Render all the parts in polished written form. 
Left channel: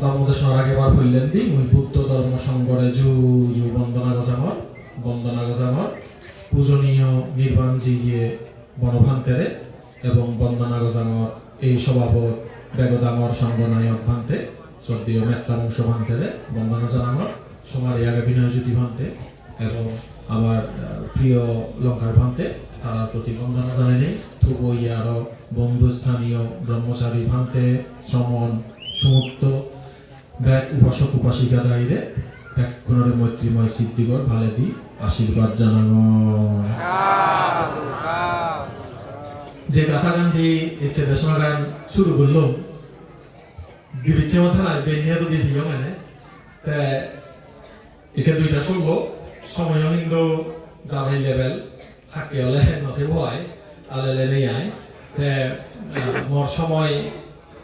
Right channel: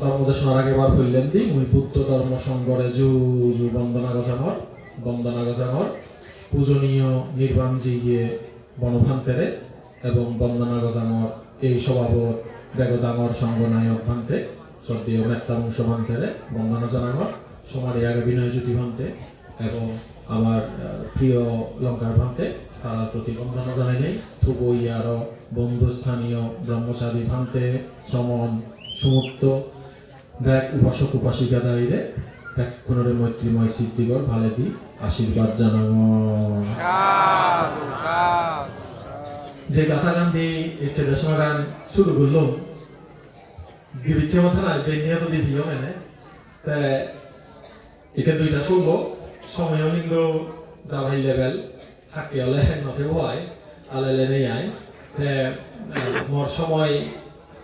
ধর্মদেশৰ আগেবাৰ হইলেন্দি মই বুদ্ধ ধৰ্ম সংঘৰে জু বন্দনা গজামৰ পূজনীয় নির্বাণজিয়ে বনভান্তেরে এবং বন্দনা গজামৰ এই সভাপত বেগদাঙৰ সংঘনায়ক ভান্তে শ্রদ্ধেয় মেত্তা বংশ ভান্তেরে বন্দনা জানানোর সমারি আগে বিনয়জ্যোতি ভান্তে এবং আমার প্রিয় লঙ্কার ভান্তে তার প্রতি বন্দনা জানাই নেই তবু আরো বন্ধুস্থানীয় ব্রহ্মচারী ভান্তে শ্রমণ সুমুক্ত ব্যাক উপাসক উপাসিকা দাঁড়িয়ে ব্যাক কোনরে মৈত্রীময় সিদ্ধিগর ভালে দি আশীর্বাদ জানানো যে গাথা গান দিয়ে ইচ্ছে দেশনা গান শুরু করলাম দিচ্ছে মাথা লাগবে নিয়ে তো দিয়ে দিও মানে তা এটা দুইটা শুনবো সময় হিন্দু জানাই লেভেল হাকি হলে নতে হয় আলেলে নেই আয় তে মোর সময়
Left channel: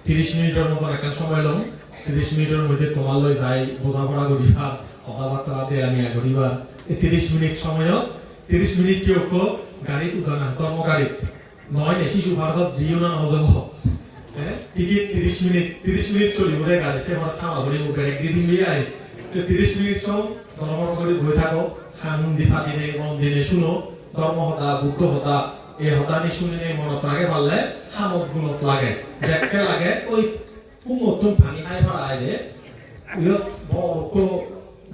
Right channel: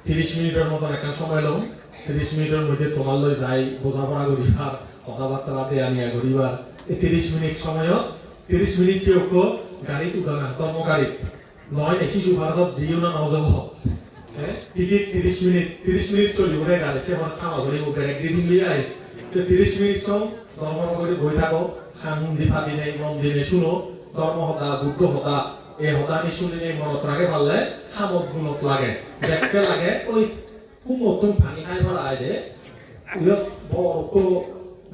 30 মিনিটের মতো একটা সময় লম 30 মিনিটের মধ্যে তোমালে যাই বোঝাপড়া করিবা কথাবার্তা দেয়া নিয়া করিবা এই 30 মিনিট সময় 30 মিনিট কেউ গাড়ি উঠানা তর্ম গাড়ি নয় শিশু ভারতত জিও না নজব টিকিট 30 মিনিট চলি বোধে গাড়ি সে আমার থামা ধরে ব্রেক দিয়ে দিন দিয়ে 30 মিনিট সম ধর্ম করে বই থাকো খান দীপা দিনে মন দিনে শুনো ধর্ম হতা বুদ্ধ হতা এই হতানি শুনিলে মনত লাগে পারলে হামত গুণত লাগে যেকে লাগে ওই নতুন পানি খাই পড়া আয় রে উয়ত বড়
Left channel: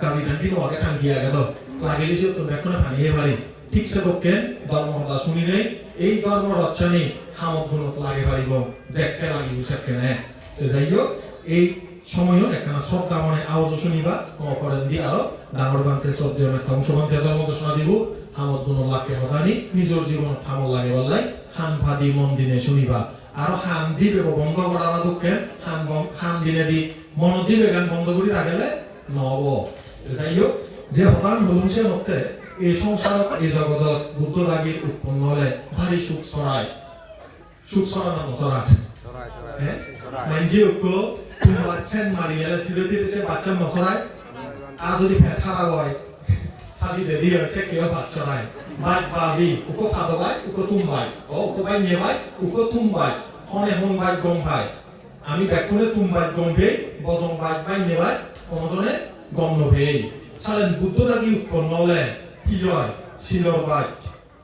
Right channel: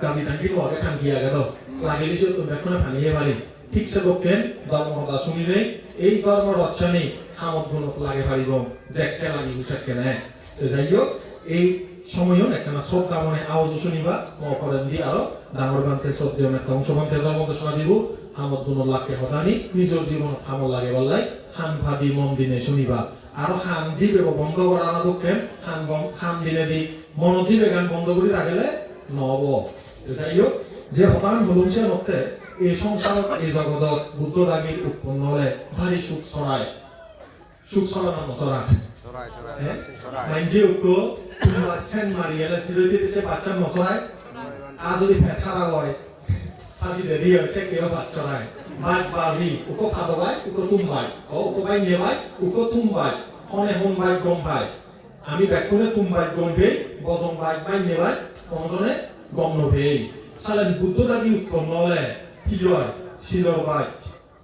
গাজি টাঙ্কি মরে টাঙ্কি আগে তো লাগেলি সে তুমি এখন পানিয়ে পারি ঠিক সে পক্ষে ধর্ম হতা শুনিলে এই ধর্ম রচনী হামত গুণত লাগে পারিব যেকে লাগি বুঝাকে নেয় তো যাই হোক এই সময়ও একখানা শ্রদ্ধা মনে আওয়াজ শুনিবা অপরাধ দিয়ে আরো ডাঙর বান্তে শ্রদ্ধেয় নেতা অংশ বান্তে ধর্ম ঘোষণা দিব হামত গুণ লাখকে হতানি নিজের জীবন থামো লাগে বলে হান ভাদি মন দিনে শুনিবা আরো হান দিবে বন্ধ করা না দুঃখে হান দিনে দি মন দিবে গান বন্ধ করে রাখলে নব যাই হোক যে হতান বলুন সে মতে এই সংসার এই জগৎ বুদ্ধ লাগি উৎপন্ন হলে ভারী সুখ ছড়ায় না ছড়ায় হ্যাঁ মাইনজি উকো বাচ্চা মারি গেলে সিরতি দেশে বাচ্চা নছড়ায় আজ যদি ফেঠাড়া হয় ফাদি দেরি হয়েছে কেউ বাচ্চা নাই মাইক বাজি উকো খাদবাই উকো তুমবাই ও উকো বাই নেবাই উকো তুমবাই হনে হুমবাই গমবাই আমি বেকুনে তুমবাই গমবেই বজং বাই নেবাই অনজনে গম নবেই সালেন বুদ্ধ লাগি উৎপন্ন হলে হিলয় শিলর বাই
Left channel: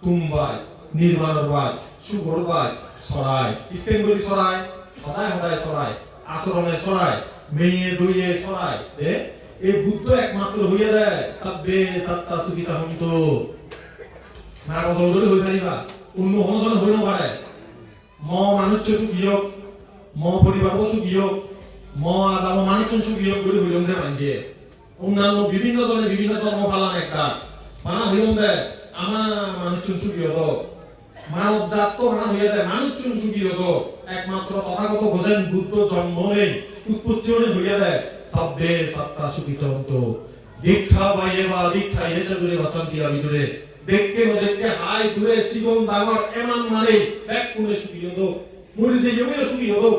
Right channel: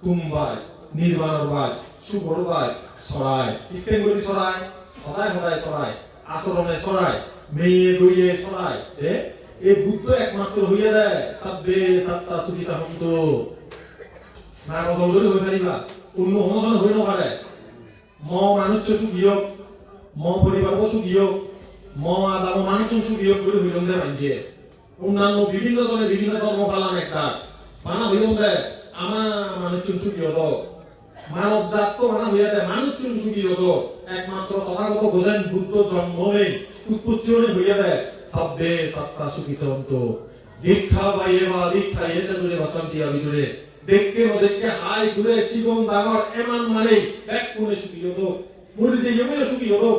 তুমবাই নির্মাণর বাই শুভর বাই ছড়াই ইকেন বলি ছড়াই সদায় ছড়াই আচরণে ছড়াই মেয়ে দইয়ে ছড়াই এই বুদ্ধ একমাত্র হইয়া দেয় সাব্বে সাত্তা সুবিধা হন্ত না জলদি হয়ে পারিবা অন্য অনুজন হইল পারে ম মানুষ সুখীয় ম পরিবার সুখীয় ম আদাম মানুষ সুখীয় বলে হইল না মানছে অন্যান্য বিভিন্ন জনে বিভিন্ন ধর্ম পালন একটা মানা হইল না আমা মানুষ সুখীয় তো মানব জাত তো মানা হইয়া দেয় মানুষ সুখীয় তো একমাত্র তথাগত বোঝেন বুদ্ধ জন্ম নেই উৎপত্তি হইয়া দেয় সাব্বে সাত্তা সুখিত হন্ত দীক্ষা বাইয়েবা দীক্ষা এসে দূরে বসন্তিয়া ভিতরে দেখতে হাই দূরে শিবম দাগর এমান মারে এক কোণে সুখী হতো মরি যে ইয়ে সুখী হতো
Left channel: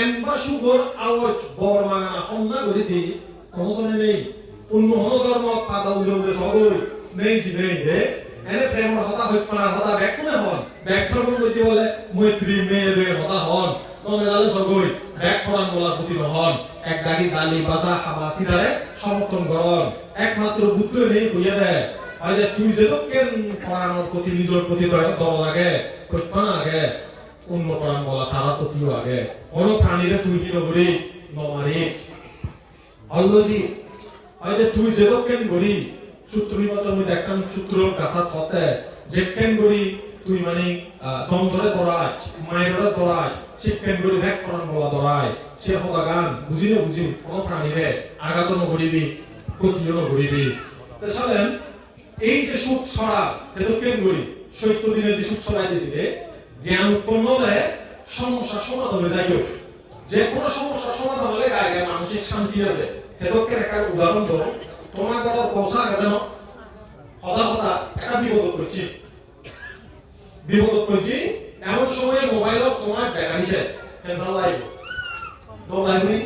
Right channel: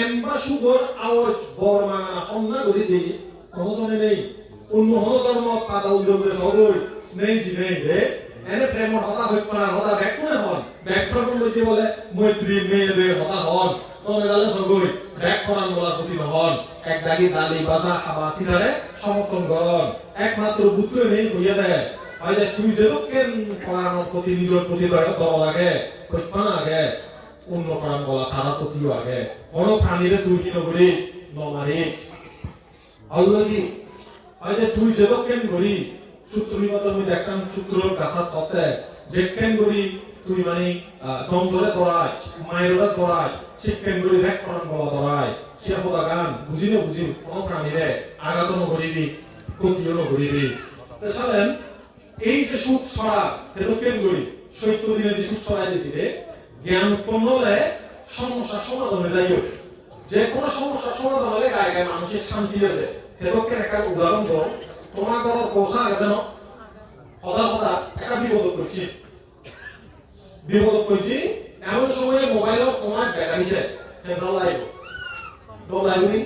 এমবা সুগর আওয়াজ বর্মা হন্না করে দিয়ে অবসরে নেই অন্য ধর্ম পাতা উল্লেখ সবর নেই নেই দে এনে প্রেমর হতা হইত না হতা ব্যাক কোণে হন ব্যাক ফরম লইতে বলে মৈত্রী মেয়ে হতা হন তবে দালে সগই ব্যাক ফরান বলার প্রতি হন এক দাগি দালি বাজা খাবা সিনারে সমর্থন করন একমাত্র বুদ্ধ নেই হইয়া দেয় আইলে তুই যে কেন পড়ানোর প্রতি নিজের প্রতি দম লাগে প্রত্যনা আগে অন্য প্রাণ বলা তারা প্রতিও আগে কোন প্রাণীরে তুই কি নগরী নমারে অলরেডি আইলে তুই যে কেন গরি সূত্রী মত আমি দেখতাম সূত্র কথা থতে যে কেন গরি তুই মানে দম ধরে তোরাই মায়ের তোরাই শিক্ষেন বলি ব্যাক করান বলা তোরাই সে হতা গান বুঝি কোন প্রাণীরে আঘাত নকরিবি ক্ষতিও নকরিবি তাছাড়া এই যে সুখ ছড়া এটা কেন করি 70 দিনে যে সুখ ছড়াই দিয়েছিলে জ্ঞান উৎপন্ন হলে সমস্যার সমাধান হয়ে যায় যে কোনো সমস্যার সমাধান হলে গায়ে মানসিক শান্তি আছে সেটাকে একটা উদাহরণ তো তোমার কথা পৌঁছা কেন হতা একটা বিপদ করছি এমন সময়ে মোবাইলের তোমার ব্যাটারি চাই ক্যান্সার লাইভ দম লাইব্রেরি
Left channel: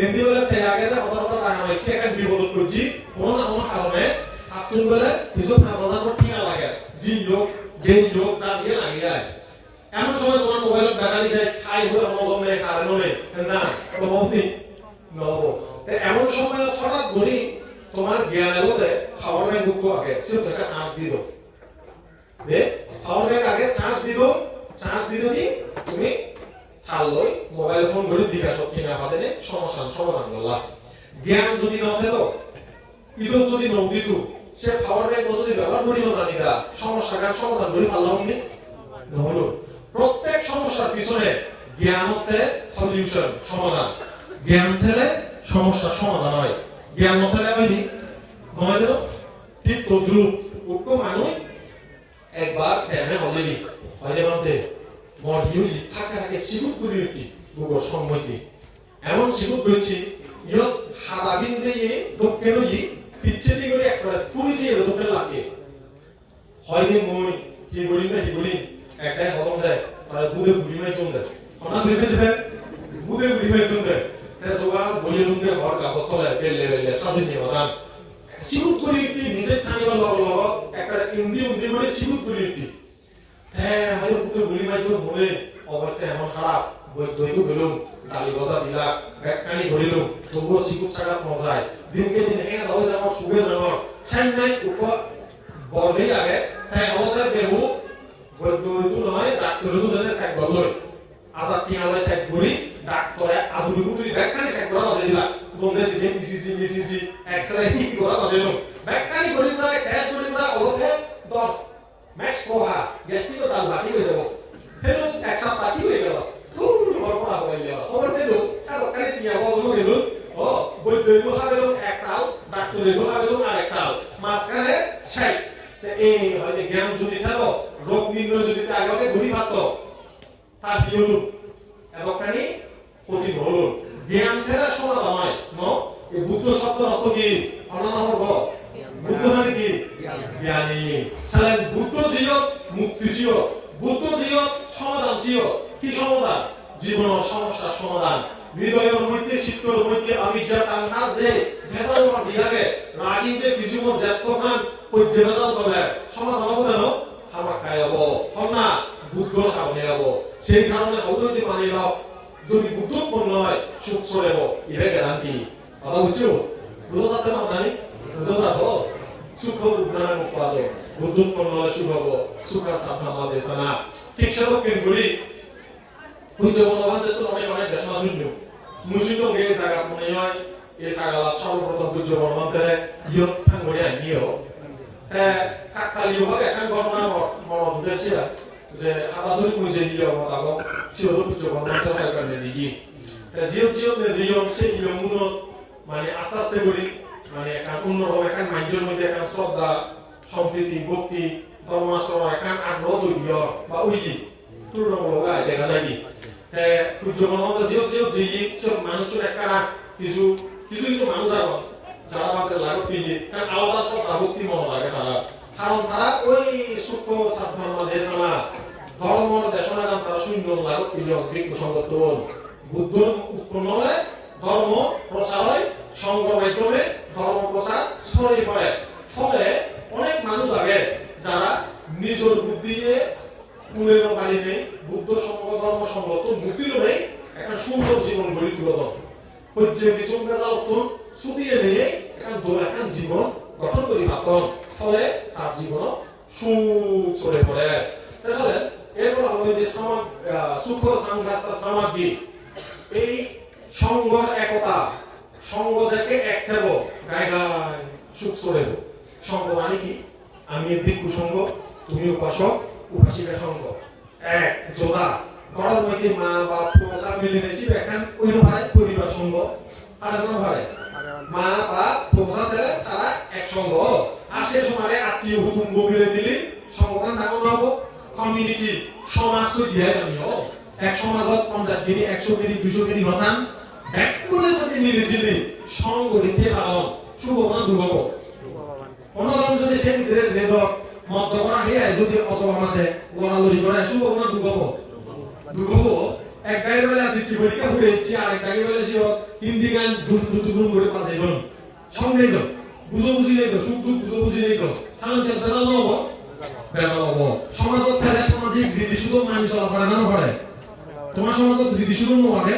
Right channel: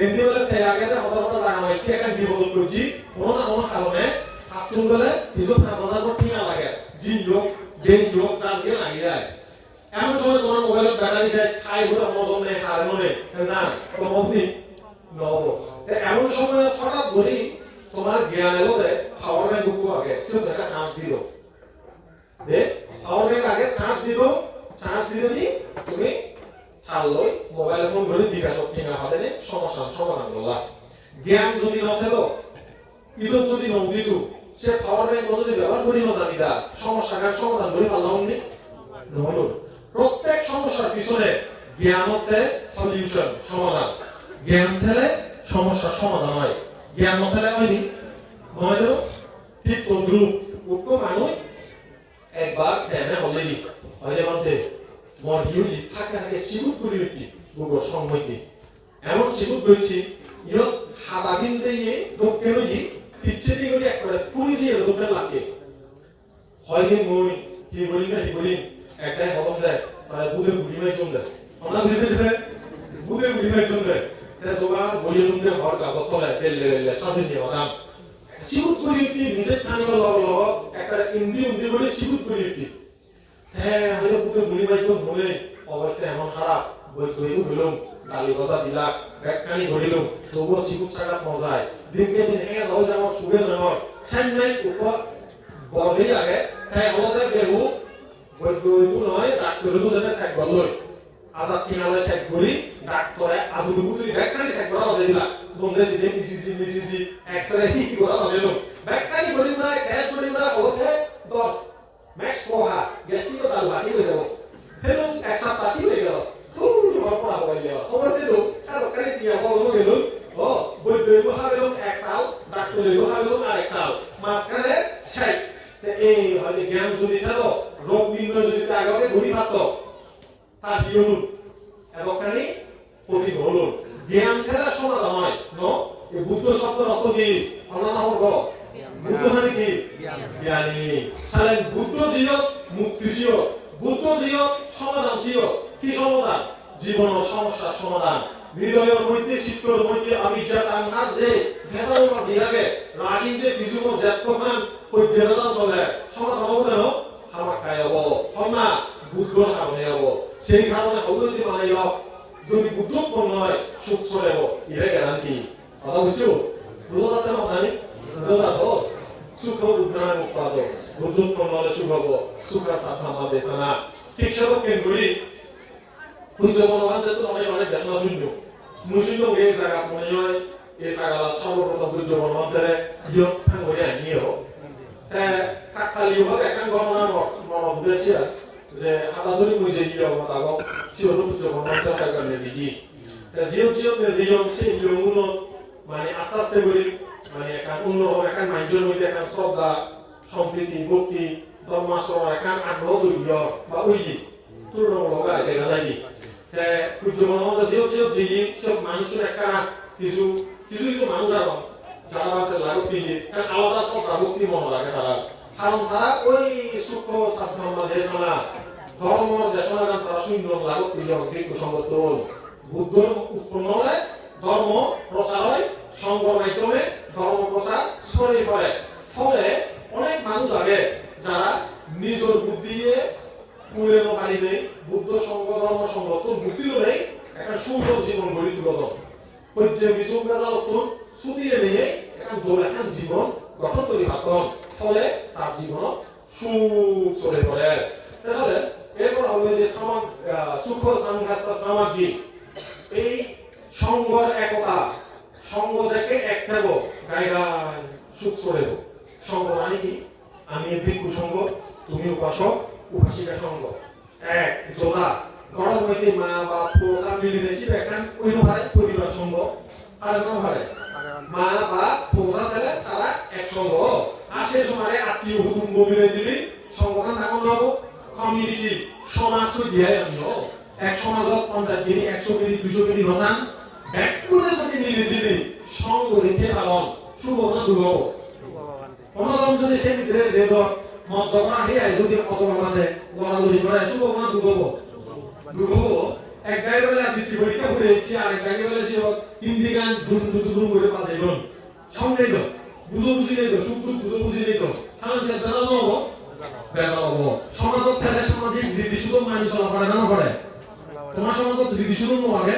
এমনি বলে তে আগে হতা রাখা ইচ্ছে একটা বিপদ করছি কোনো না কোনো কারণে আপনি বলে কিছু 5000 কোটি টাকা লাগে জি লোক বেই লোক চার্জে লাগে যায় এমন সময় তোমার মোবাইলের ব্যাটারি চাই খাই হলে মজমে কারণে যা তো আপনি নহ'ব এমন সময় হঠাৎ ধৰি তোমাৰ জ্ঞানৰ মতে পাৱাৰ বেংক আগে সেটা একটা চান্স দিল দে পাৱাৰ বেংক আগে চান্স দিলে দি তুমি থাল লৈ মোবাইল ফোন কৰি বিকাশত কিনা পালে সমস্যার সমাধান হলা জ্ঞান যদি নথাকো ইদত যদি নদিত সে পাওয়ার ব্যাংক যদি ব্যবহার করি না জানি দা সমস্যার সমাধান করে পারলামনি নহলো প্রত্যেক সমস্যার পিছনে জ্ঞানতে সলিউশন সমাধান জ্ঞান থেকে সমস্যার সমাধান হয় জ্ঞান নথাকলে হয়নি নহয় জানো ঠিক তো গ্রুপ উঠো মানুষ একবার ধ্যানে অলরেডি হয়নি বলতে মর হিউজি থাকে সিগুত করি হইতি গুগল সম্মতি এমন সিগুত করেছি ইয়ত হাদাবিন দিয়ে দক্ষিণজি পিচ্ছে দিয়ে করে একবারে পুলিশি দক্ষিণ লাগে হয়নি মই কি বলি না কি বলি একটাই হতম দেয় তারা বুধে গুলিমাই চলবে আমরা বুঝেছে বুধে গুলিমাই চলবে তারা যোগা বইয়ে লুঙ্গে হর গাছ তলে বেলে সাজে দিয়ে বাদাম সিগুত করি একটি নিজের থানি লগ একটা উন্দি করে সিগুত করি একটি হ্যাঁ হয়তো বুধে গুলিমাই চল মনে অবস্থা এমন খারাপ বই দইও গেলুম ডালি গজা দিলা ব্যাগখানি ধরিলুম তবুও সিগুত চাকা মজায় দিনকে দিন হেঁকে দাও যাওয়ার সুগে যাওয়ার সামনে উপর বলবি আগে হ্যাঁ হতে বেহু বই দইও নয় ডাক্তারও জানে চেক করলো আজাদ টিয়ালে চেক করি ডাক্তারে আদুরি বুদুরি ব্যাগখানি চেক করা বাজে দিলা দমে সিজে মিসিজি এক্সরে ঠিক করা বাজে লো ব্যাগখানি করি না টেস্ট করি না হতে দর ম্যাক্স কোহা গ্যাস্ট্রিক তাল বাকি হয়ে যাব হেলো এক সপ্তাহ কি হয়ে গেল তুই বড় হয়ে গেল খবর দিল আর ওখানে টিয়া বজলো গেল ও বই দইও হাবেলো একটাও ডাক্তারেও হাবেলো আর একটাও মাঝখানে সেই এই হলে জ্ঞান যদি থাকো রোগ নির্ণয় যদি আগে ঘুরি থাকতো তার কি হলো এতখানি ক্ষতি হলো জ্ঞান খেলা সমাধান হয় ন এই বুদ্ধ শব্দের অর্থ কি অন্যান্য হব বুদ্ধ মানে কি জ্ঞানী তাহলে বুদ্ধ জিও মুক্তি জিও বুদ্ধ জিও সমাধান জিও কি সমাধান জীবনের সমস্যার সমাধান হৃদয়ের মধ্যে চিত্তর মধ্যে অবিদ্যা তাঙ্গার যে ভেসাল মাঝি লাগে রাগিন যে বিজুমর জাতমান পর্যবেদন চলে সমাধান হবে না হামাকায় হবো হন্না বুদ্ধ সামনে হবো সেই কারণে অবনতি মানে লাভ যদি বুদ্ধ পূর্ণ হয় সুখ চলে হবো ইরে গ্যারান্টি কথা বুঝছো বুঝো যাতে মাতানি বুঝো যাতো সুখ উদ্ধারা মুক্তাদ বুদ্ধ পূর্ণ হলে সুখ হবো সুখা সাধনা দেশনা ঠিক সেরকম করি বুঝো মনোভাবে তো অনেক দেশনা শূন্য মুসিনো এই জায়গা মনে হয় এই জায়গা সর্বপ্রথম বুঝো মনোভাবে ইয়ত থাঙ্গরে নিয়েও কাকতালীয় ভাবে এখন ঘটনা মরম বেশি যে হাতাজুরি বুঝে ইয়ে মোতাবক সিওর বুঝো মনোভাবে থাকার নেজিগি জিও নেজিও সেই ইয়মুনো মানে আস্তে আস্তে বলি মানে একটা অন্যরকম একটা মাইন্ডের মধ্যে একটা শ্রদ্ধা সম্প্রীতি ভক্তি ধর্মাশ্রয় একটা আগ্রহ তৈরি বা ওইটি তুলনামূলক দেখা যায় কি বুঝো মনোভাবে জিও জিগি সব মানুষের একটা কিছু মানুষ যারা আমাদের লাগত পিয়ে কারণ আলাদা শ্রদ্ধা ভক্তি মনে লাগে তারা কারণ তারা ওই সূক্ষ্ম সাধনা দেশনা ধর্ম দেশনা তারা সুন্দর লাগত পিয়ে বিজ্ঞ সংগঠন বুদ্ধ উৎপন্ন হলে ধর্ম প্রচার হয় সংঘ মাধ্যমে ধর্ম প্রচার ছড়িয়ে পড়ে ফলে অনেক মানুষ আগে যারা নিজের বুদ্ধি দিয়ে কুলের বাড়িতে বুদ্ধ সংঘ ধর্ম সংগঠন বুদ্ধিও নেই একটা সুন্দর জীবন গড়ি তুলত পর্যায়ে কিছু মেজালতুন ছুটিয়ে নিয়ে একটা দোলেখান জীবন গঠন করি ভাবন ফলে তার জীবন সুখ চলে পড়ে তাহলে এরপর হবে যে সুখ সংঘাসা সামাধি এই সংঘর একতা সংঘ থেকে এক থাকবো গায়ে গায়ে সুখ চলে সংঘ মানে কি আমি ভিক্ষু সংঘ তুমি উপাসক উপাসিকা সংঘ এক যোগা ঘরের মধ্যে মা বাপ পোষা মিলে নিয়েছি এখন ওই পারে পরিবার সংঘ আর না পারে মা বাপ পোষা দিলে তারা এক সংঘ আর সে সময় আত্মীয় কুটুম্ব মিলে দিলে সংঘটা নাম হব কমিউনিটি সমাজ দিয়ে আনিও এক সমাজত 50 মিনিট 100 মিনিট 200 মিনিট রতান ব্যাকুলে যদি মিলেছিলি সংঘ দিতে পারো শুভ না দুর্গব অন্যজন যদি সেই ভিতরে বেদ মত ঝগড়া হয়ে যদি অসমাতে লড়ালড়ি করে শুভ না দুর্গব এক গায়ে বলে আসছি পরীক্ষা করে যাচ্ছি আর এক গায়ে বলে ছিল হিন্দি গান দুন করে পাশে জন সঙ্গে তো বুঝি নেই তো সুখ দুঃখ বুঝি নেই তো সাধারণ ছেলে বেজাল হবো সমাজত থেকে সামাজিক রীতি শুধু মানুষ চলাফেরা না করে তোমার সমাজত রীতি শুধু আগে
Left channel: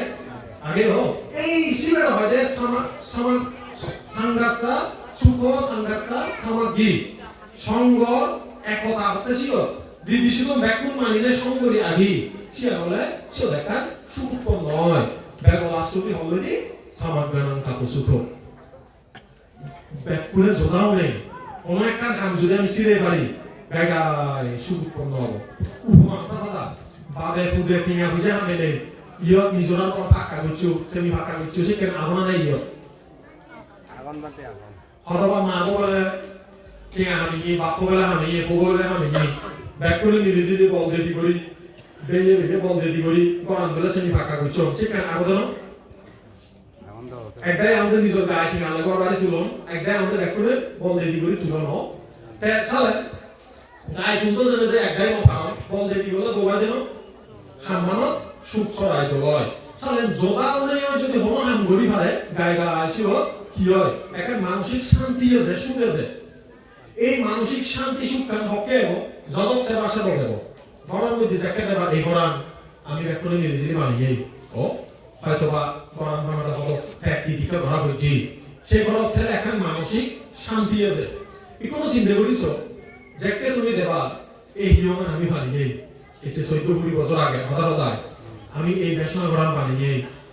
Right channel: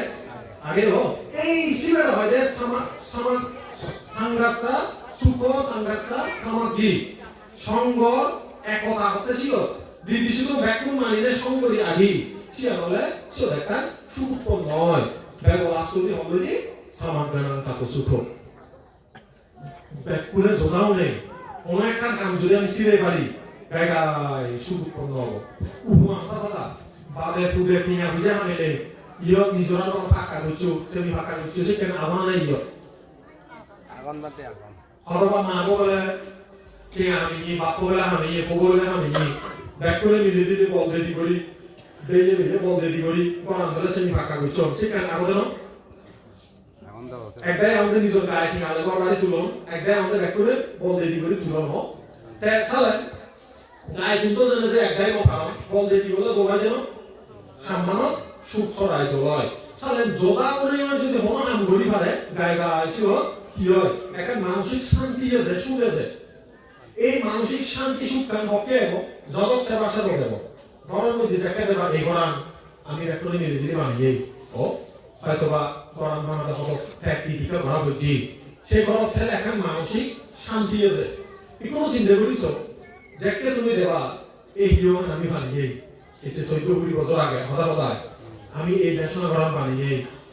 아게로 에이 시베로 하데 사마 상가사 수고 상가사 사마기 সংঘ একতা হতে ছিল বিদেশিত ব্যাকুল মানিনে সংগরি আদি সিয়ানলে সিলেকান সুপ নয় বেগলা সুতি হলদি সামাগনান তাকো সুতো ব্যাকুলে জোগাওনে অনেক কান কাম জুড়ে আমি সিরে বাড়ি গাইগাই সুপ নয় উপমা কথা বাবে পুবে পিয়া বুঝে হামেলে ইয় নিজরান পাকা গুচু সেমি পাকা গুচু সেখানে আমানে ইয় আগুন বাতে আগুন হরবা মা বলে কে আমি বাপলা আমি বগলে আমি ব্যাকুলে মিলিজি বল দেদি করি বেয়ে বেয়ে বল দেদি করি কোরআন বলে সেমি পাকা গুচু সেখানে আগুন একদাই আমাদের নিজের গায়ে থেকে আলাদা করে তুলন একদাই আমাদের ব্যাকুলে বল দেদি করি তুলন হোক তাই সালে গায়ে তুলতে জানে যে একদাই বল দেদি হলো দোবাই দেন হামানত সুখ ছড়াই দলয় সালে জোগাওনেও যদি হলো হাম গড়ি পারে গায়ে গায়ে ছিল কি হয় একটা মানসিক শান্তি আছে সুখ আছে এই মানসিক শান্তি সুখ কান হকেও জগৎ সেবা সেবা দেব ধরেন মধ্যে একটা দেবা এই কোরআন আমি ব্যাকুলে মিলিজি মানিয়ে ও হয়তোবা কোরআন বাংলা হলো ফ্যাক্টি দিতে ধরা হচ্ছে সেই ঘর থেকে একটা মানসিক শান্তি আছে এই কোনো চিন্তা করিস যেটা তুমি দেবা এই হিরোমান আমি বানিয়ে এটা 14 বছর আগে হঠাৎ আমি এই দেশনা কোরআন বানিয়ে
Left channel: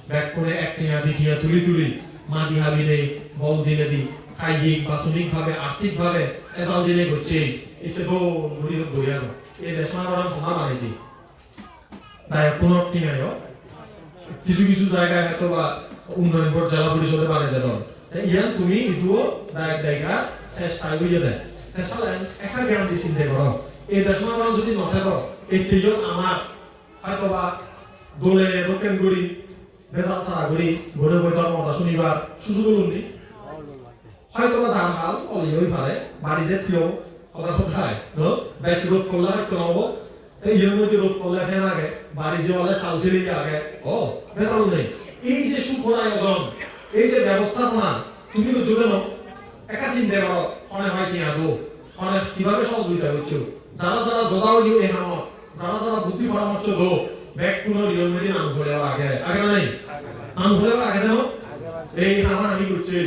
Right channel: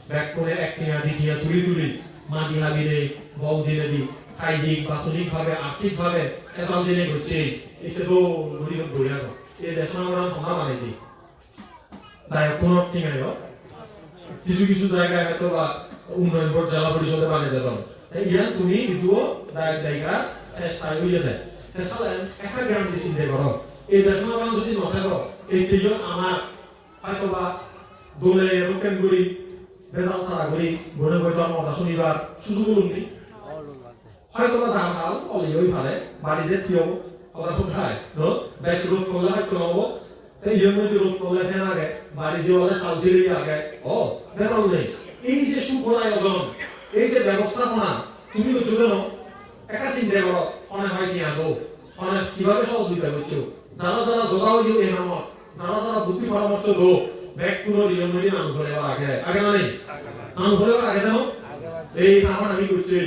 ব্যাক করে একটিয়া দ্বিতীয় তুলি মা দিহাবি রে বল দিনে দি কায়িক বাসনিক ভাবে আর্থিক ভাবে এসাল দিনে হচ্ছে এটা তো গুলি বইয়া এই দেশনা কোরআন ভাঙা বানিয়ে দি তাই কোনো টিনায় কিছু কিছু জায়গায় হয়তো বা উন্নয়ন বোর্ড জেলা পরিষদে বানিয়ে দেব ইয়ান তুমি ইদুও দায়িকা চেষ্টা করিয়ে দেয় তাহলে একটা জ্ঞান দিয়ে চিন্তা করো এই দেশনা কোরআন যদি নথাকো এই চিজন আমার হয়তো বা দোলে রোকেন গুড়ি বেজাল ছাড়া গুড়ি ঘুরে বইটা মতা শুনিবার সুযোগ উন্নি হয়তো বা জানহাল অলিওই ভালে বাড়ি যে থিও হলা কোথায় নো ব্যাচ রোড করলে হয়তো নব এই যদি রোড করলে ফেন আগে বাড়ি যে হলে সালছিলি আগে ও বেজাল নেই এই যে সুখর আয়োজন এই যে ব্যবস্থাপনা তুমি যোগে নাও একা চিন্তা করো ফোনে হয় কি আদৌ ফোনে কিভাবে সহযোগিতা করছো যারা যারা জগাও দিও এই নামত যারা যারা বুদ্ধি পরামর্শ দো ব্যাগ কোনো নিয়ম মেনে নাম ভরে আগে আগে না নেই নাম ভরে আগে দাও এই আমার আমি করছি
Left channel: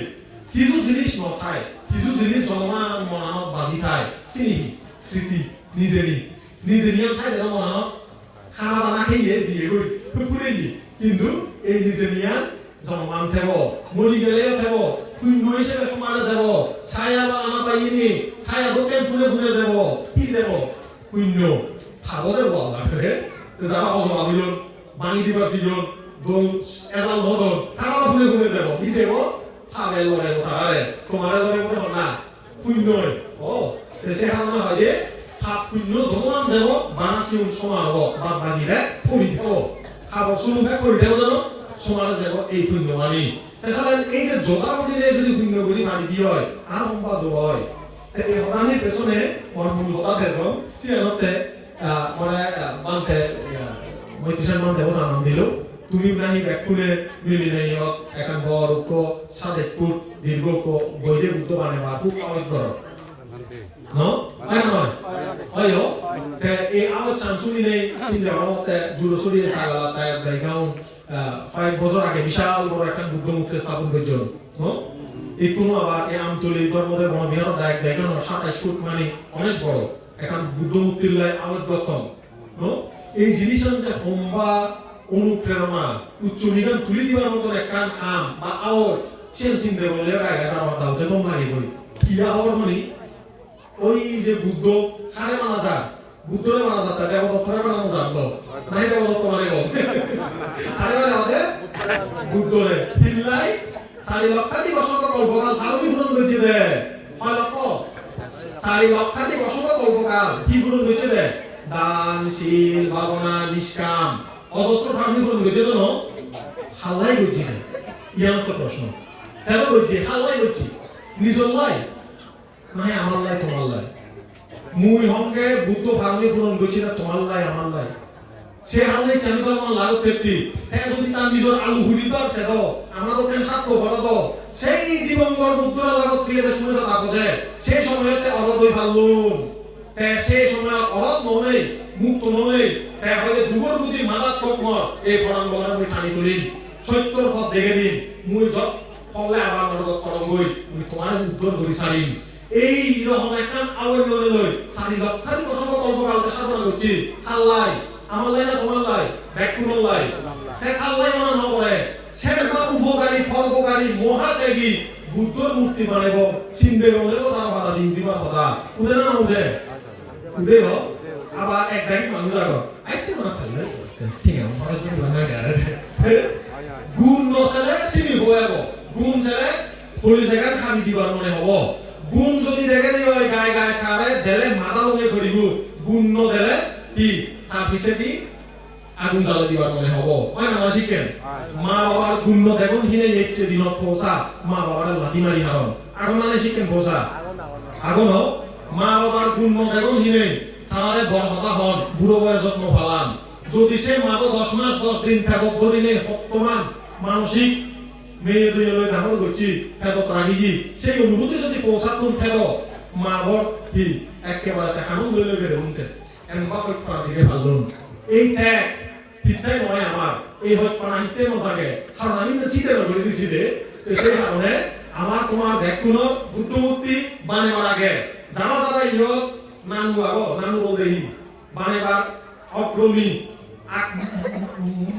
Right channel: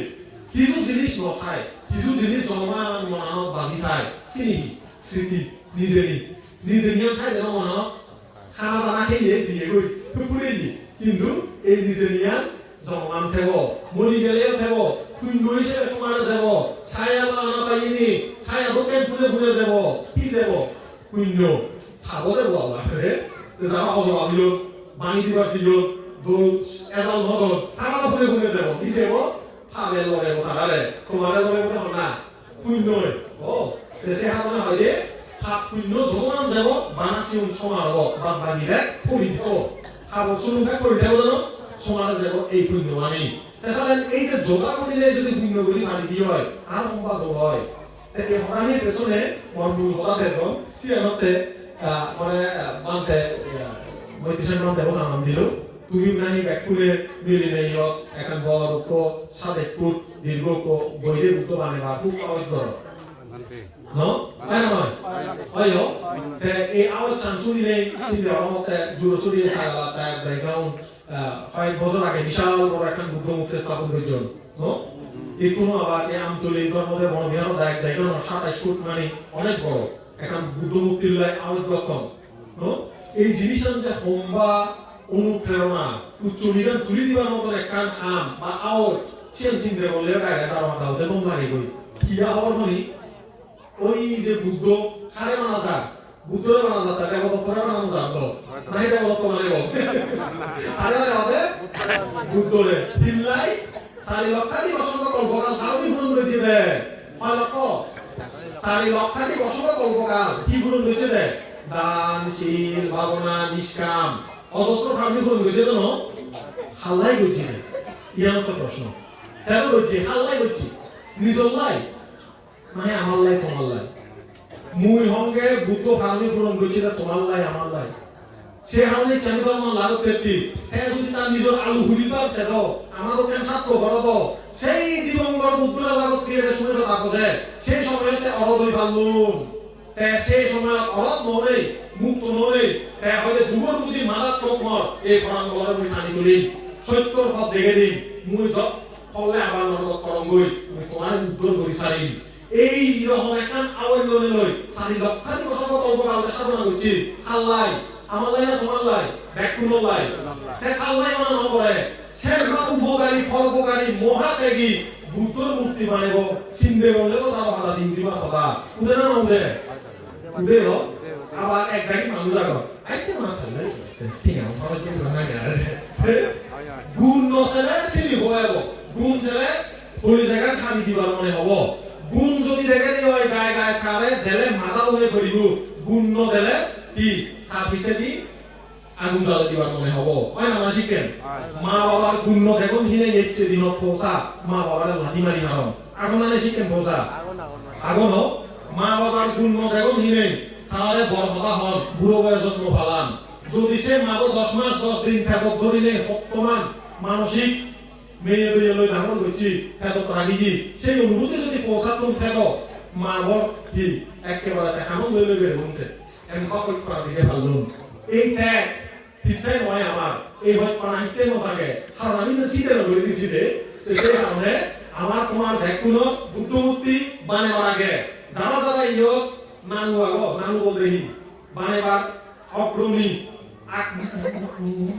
কিছু জিনিস নথায় কিছু জিনিস জমা মনানত বাজি খায় চিনি স্মৃতি নিজেরই নিজে নিয়ম খায় যেন মনানত খানা দানা খেয়ে জিয়ে গই ফুকুরে দি কিন্তু এই নিজে নিয়া জমান থেব মরি গেলেও থেব কুইন্ডু হিসেবে সমানে যাব ছায়া বা আনা পাইনি ছায়া দোকান ফুলে ফুলে যাব কি যাব কুইন্ডু খাবো যাব লাগে যারা অজবা দিল বাণী দিবার ছিল দোল এজাল হল তারা ফুলে ফুলে যাব কি যাব খাবে লড়াই তারারে তোমার লড়াই করে না কুইন্ড ও সে হামনা হয় যে ভাত কুইন্ড দোকান যাব বানাসি সমান হব বা বাদিরে পরি দেব খাবো শুরু করে দেব জানো সমানে যাব এই কুইন্ড মানি তাছাড়া এই যে যোগা দিলে যদি কুইন্ডগুলি মানি দিয়ে হয় আর সম্পাদ হয় এই হরানি পেছনে মনমূল হতা দেশ সিয়ানতে মানে বানতে মৈত্রীশান বানতে বসান দিল তুমি নাহি ব্যাকুলে মিলি নেই এখন বড় কো সাদে ফুট দীর্ঘ কো বইরে উত্তর বানে বা খুব আওয়াজ করো no হয় না হয় তে এই আওয়াজ চান্সুনি নেই চিন্তা করতে জুলো সুরিয়ে সালা তাই ব্রেগাউন হয় বছর আগে বিশাল বড় একটা বুদ্ধ মূর্তি স্থাপন করেছিল no এই কোনো আবার এই আমতলি ধর্মদের মন্দির দেখো 27 ফুট মানে অনেক বড় এখন বুদ্ধ মূর্তি লয় আওয়াজ গতম no এই জিনিস যে হোমবা অনুপ্রেরণা উচ্চ নিগান তুলি দিবার মতন একটা খাম বা আওয়াজ চেন চিন্তা বলে আগে যাওয়া দাও দেখুন লাগি বই কিয়া হওয়ার মানে ওই যে বুদ্ধ হারে মানা যা বুদ্ধরে মানা যা তাকে বতরে মানা যা তো নাই দেব তো মানে গো হারে মানে হবে বুদ্ধরে হিল্লাই 4 লক্ষাধিক অসংখ্য কল্পকাল ভারতী পূরণ হয়েছে দে 6 লক্ষ 4 লক্ষাধিক অসংখ্য কল্পকাল কি পূরণ হয়েছে দে দান শীল ভাবনা নিষ্কাম অজস্র ভারতী পূরণ হয়েছে তো হাল্লাই হয়েছে ইয়ার তো প্রশ্ন হ্যালো হয়েছে হাল্লাই হয়েছে নিজল লাই নাই আমার লাই তোমার লাই মুই হংকে বুদ্ধ ভারতী পূরণ হয়েছে তোমার লাই আমার লাই সে হারণে চন্দ্রমান লাগো পেতি হ্যাঁ যদি তার নিজের আলু হুড়িতে আছে র আমাদের কেন সাক্ষ্য বড় তো সেই দিবঙ্গর বুদ্ধরা জগৎ ক্রিয়াতে শুনে তো তাপসে সেই সময়তে অরদই ভালুন সেই সময় অরদ ননে মুক্ত ননে হয়তো দুবর বুদ্ধি মারাত্মক মর এই ঘটনা বলে আমি পানি তুলি সত্য দেখে দিন মুই যত ফলে আমার লগত করঙ্গই মুই তোমার উত্তর করি সারিম এই রকম একটা আওয়াজ করে লই সারি লক্ষাধিক বছর কল্পকালতে সাধনা করছি আল্লাহ আমার লাই না তোমার লাই ব্যাকুল লাই তাই আল্লাহ মানে নকরে সে উপকারী ফলপকারী মহাত্যাগী বুদ্ধর মূর্তি বানাইব চিনবে বলে তো তারা বাধা দিন দিবার কথা উদে না উদে উদে হ আবার এক দাগি মানুষ আগ আইতে না থাকলে ঠিক আছে পরে তুমি বানাই গারে গুণ নছেলে চিনি হইব গুণ ছেলে ফুলি জায়গা খামি দিবার মনে হব গুণ যদি দেখে দিল গায় গায় কালে দেলে মাথা মনে করিব গুণ ন দেলে কি তার পিছে দি আগুন জ্বালা দিবার মনে হব হয় না শিখেন মা বাবার গুণ দেখুন হিনে নেচ্ছে দিন পৌঁছা মা বাবার লাঠি মারি হারন আগুন আনে শিখেন পৌঁছা আগুন হোক মা বাবার গুণ দেখুন হিনে তারারে বড় হতা হন বুড়ো বয়স যত্ন পালান যদি সে মাগো 10 মাস 10 দিন পেটত ধরিলে শক্তমান মানসিক মেয়ে দুই লই ডাঙর হচ্ছি পেটত রাগিজি সেই অনুভূতি যদি পৌঁছাতুন ফের মাগর কি একেবারে হামল লই লই বের হুনতে এমন কথা করা দিকে ভালো এই ত্যাগ পিতাই নয় আমার এই হয় পানাইতে নজাগে কারণ আমি না চিতে লই দিছি রে সেই কারণে আমার তোমার দেখুন বুদ্ধমূর্তি বানে মারাগে যারা যারা ইয়ত নানু আগো নানু বলেই বানেবার অগ্রণী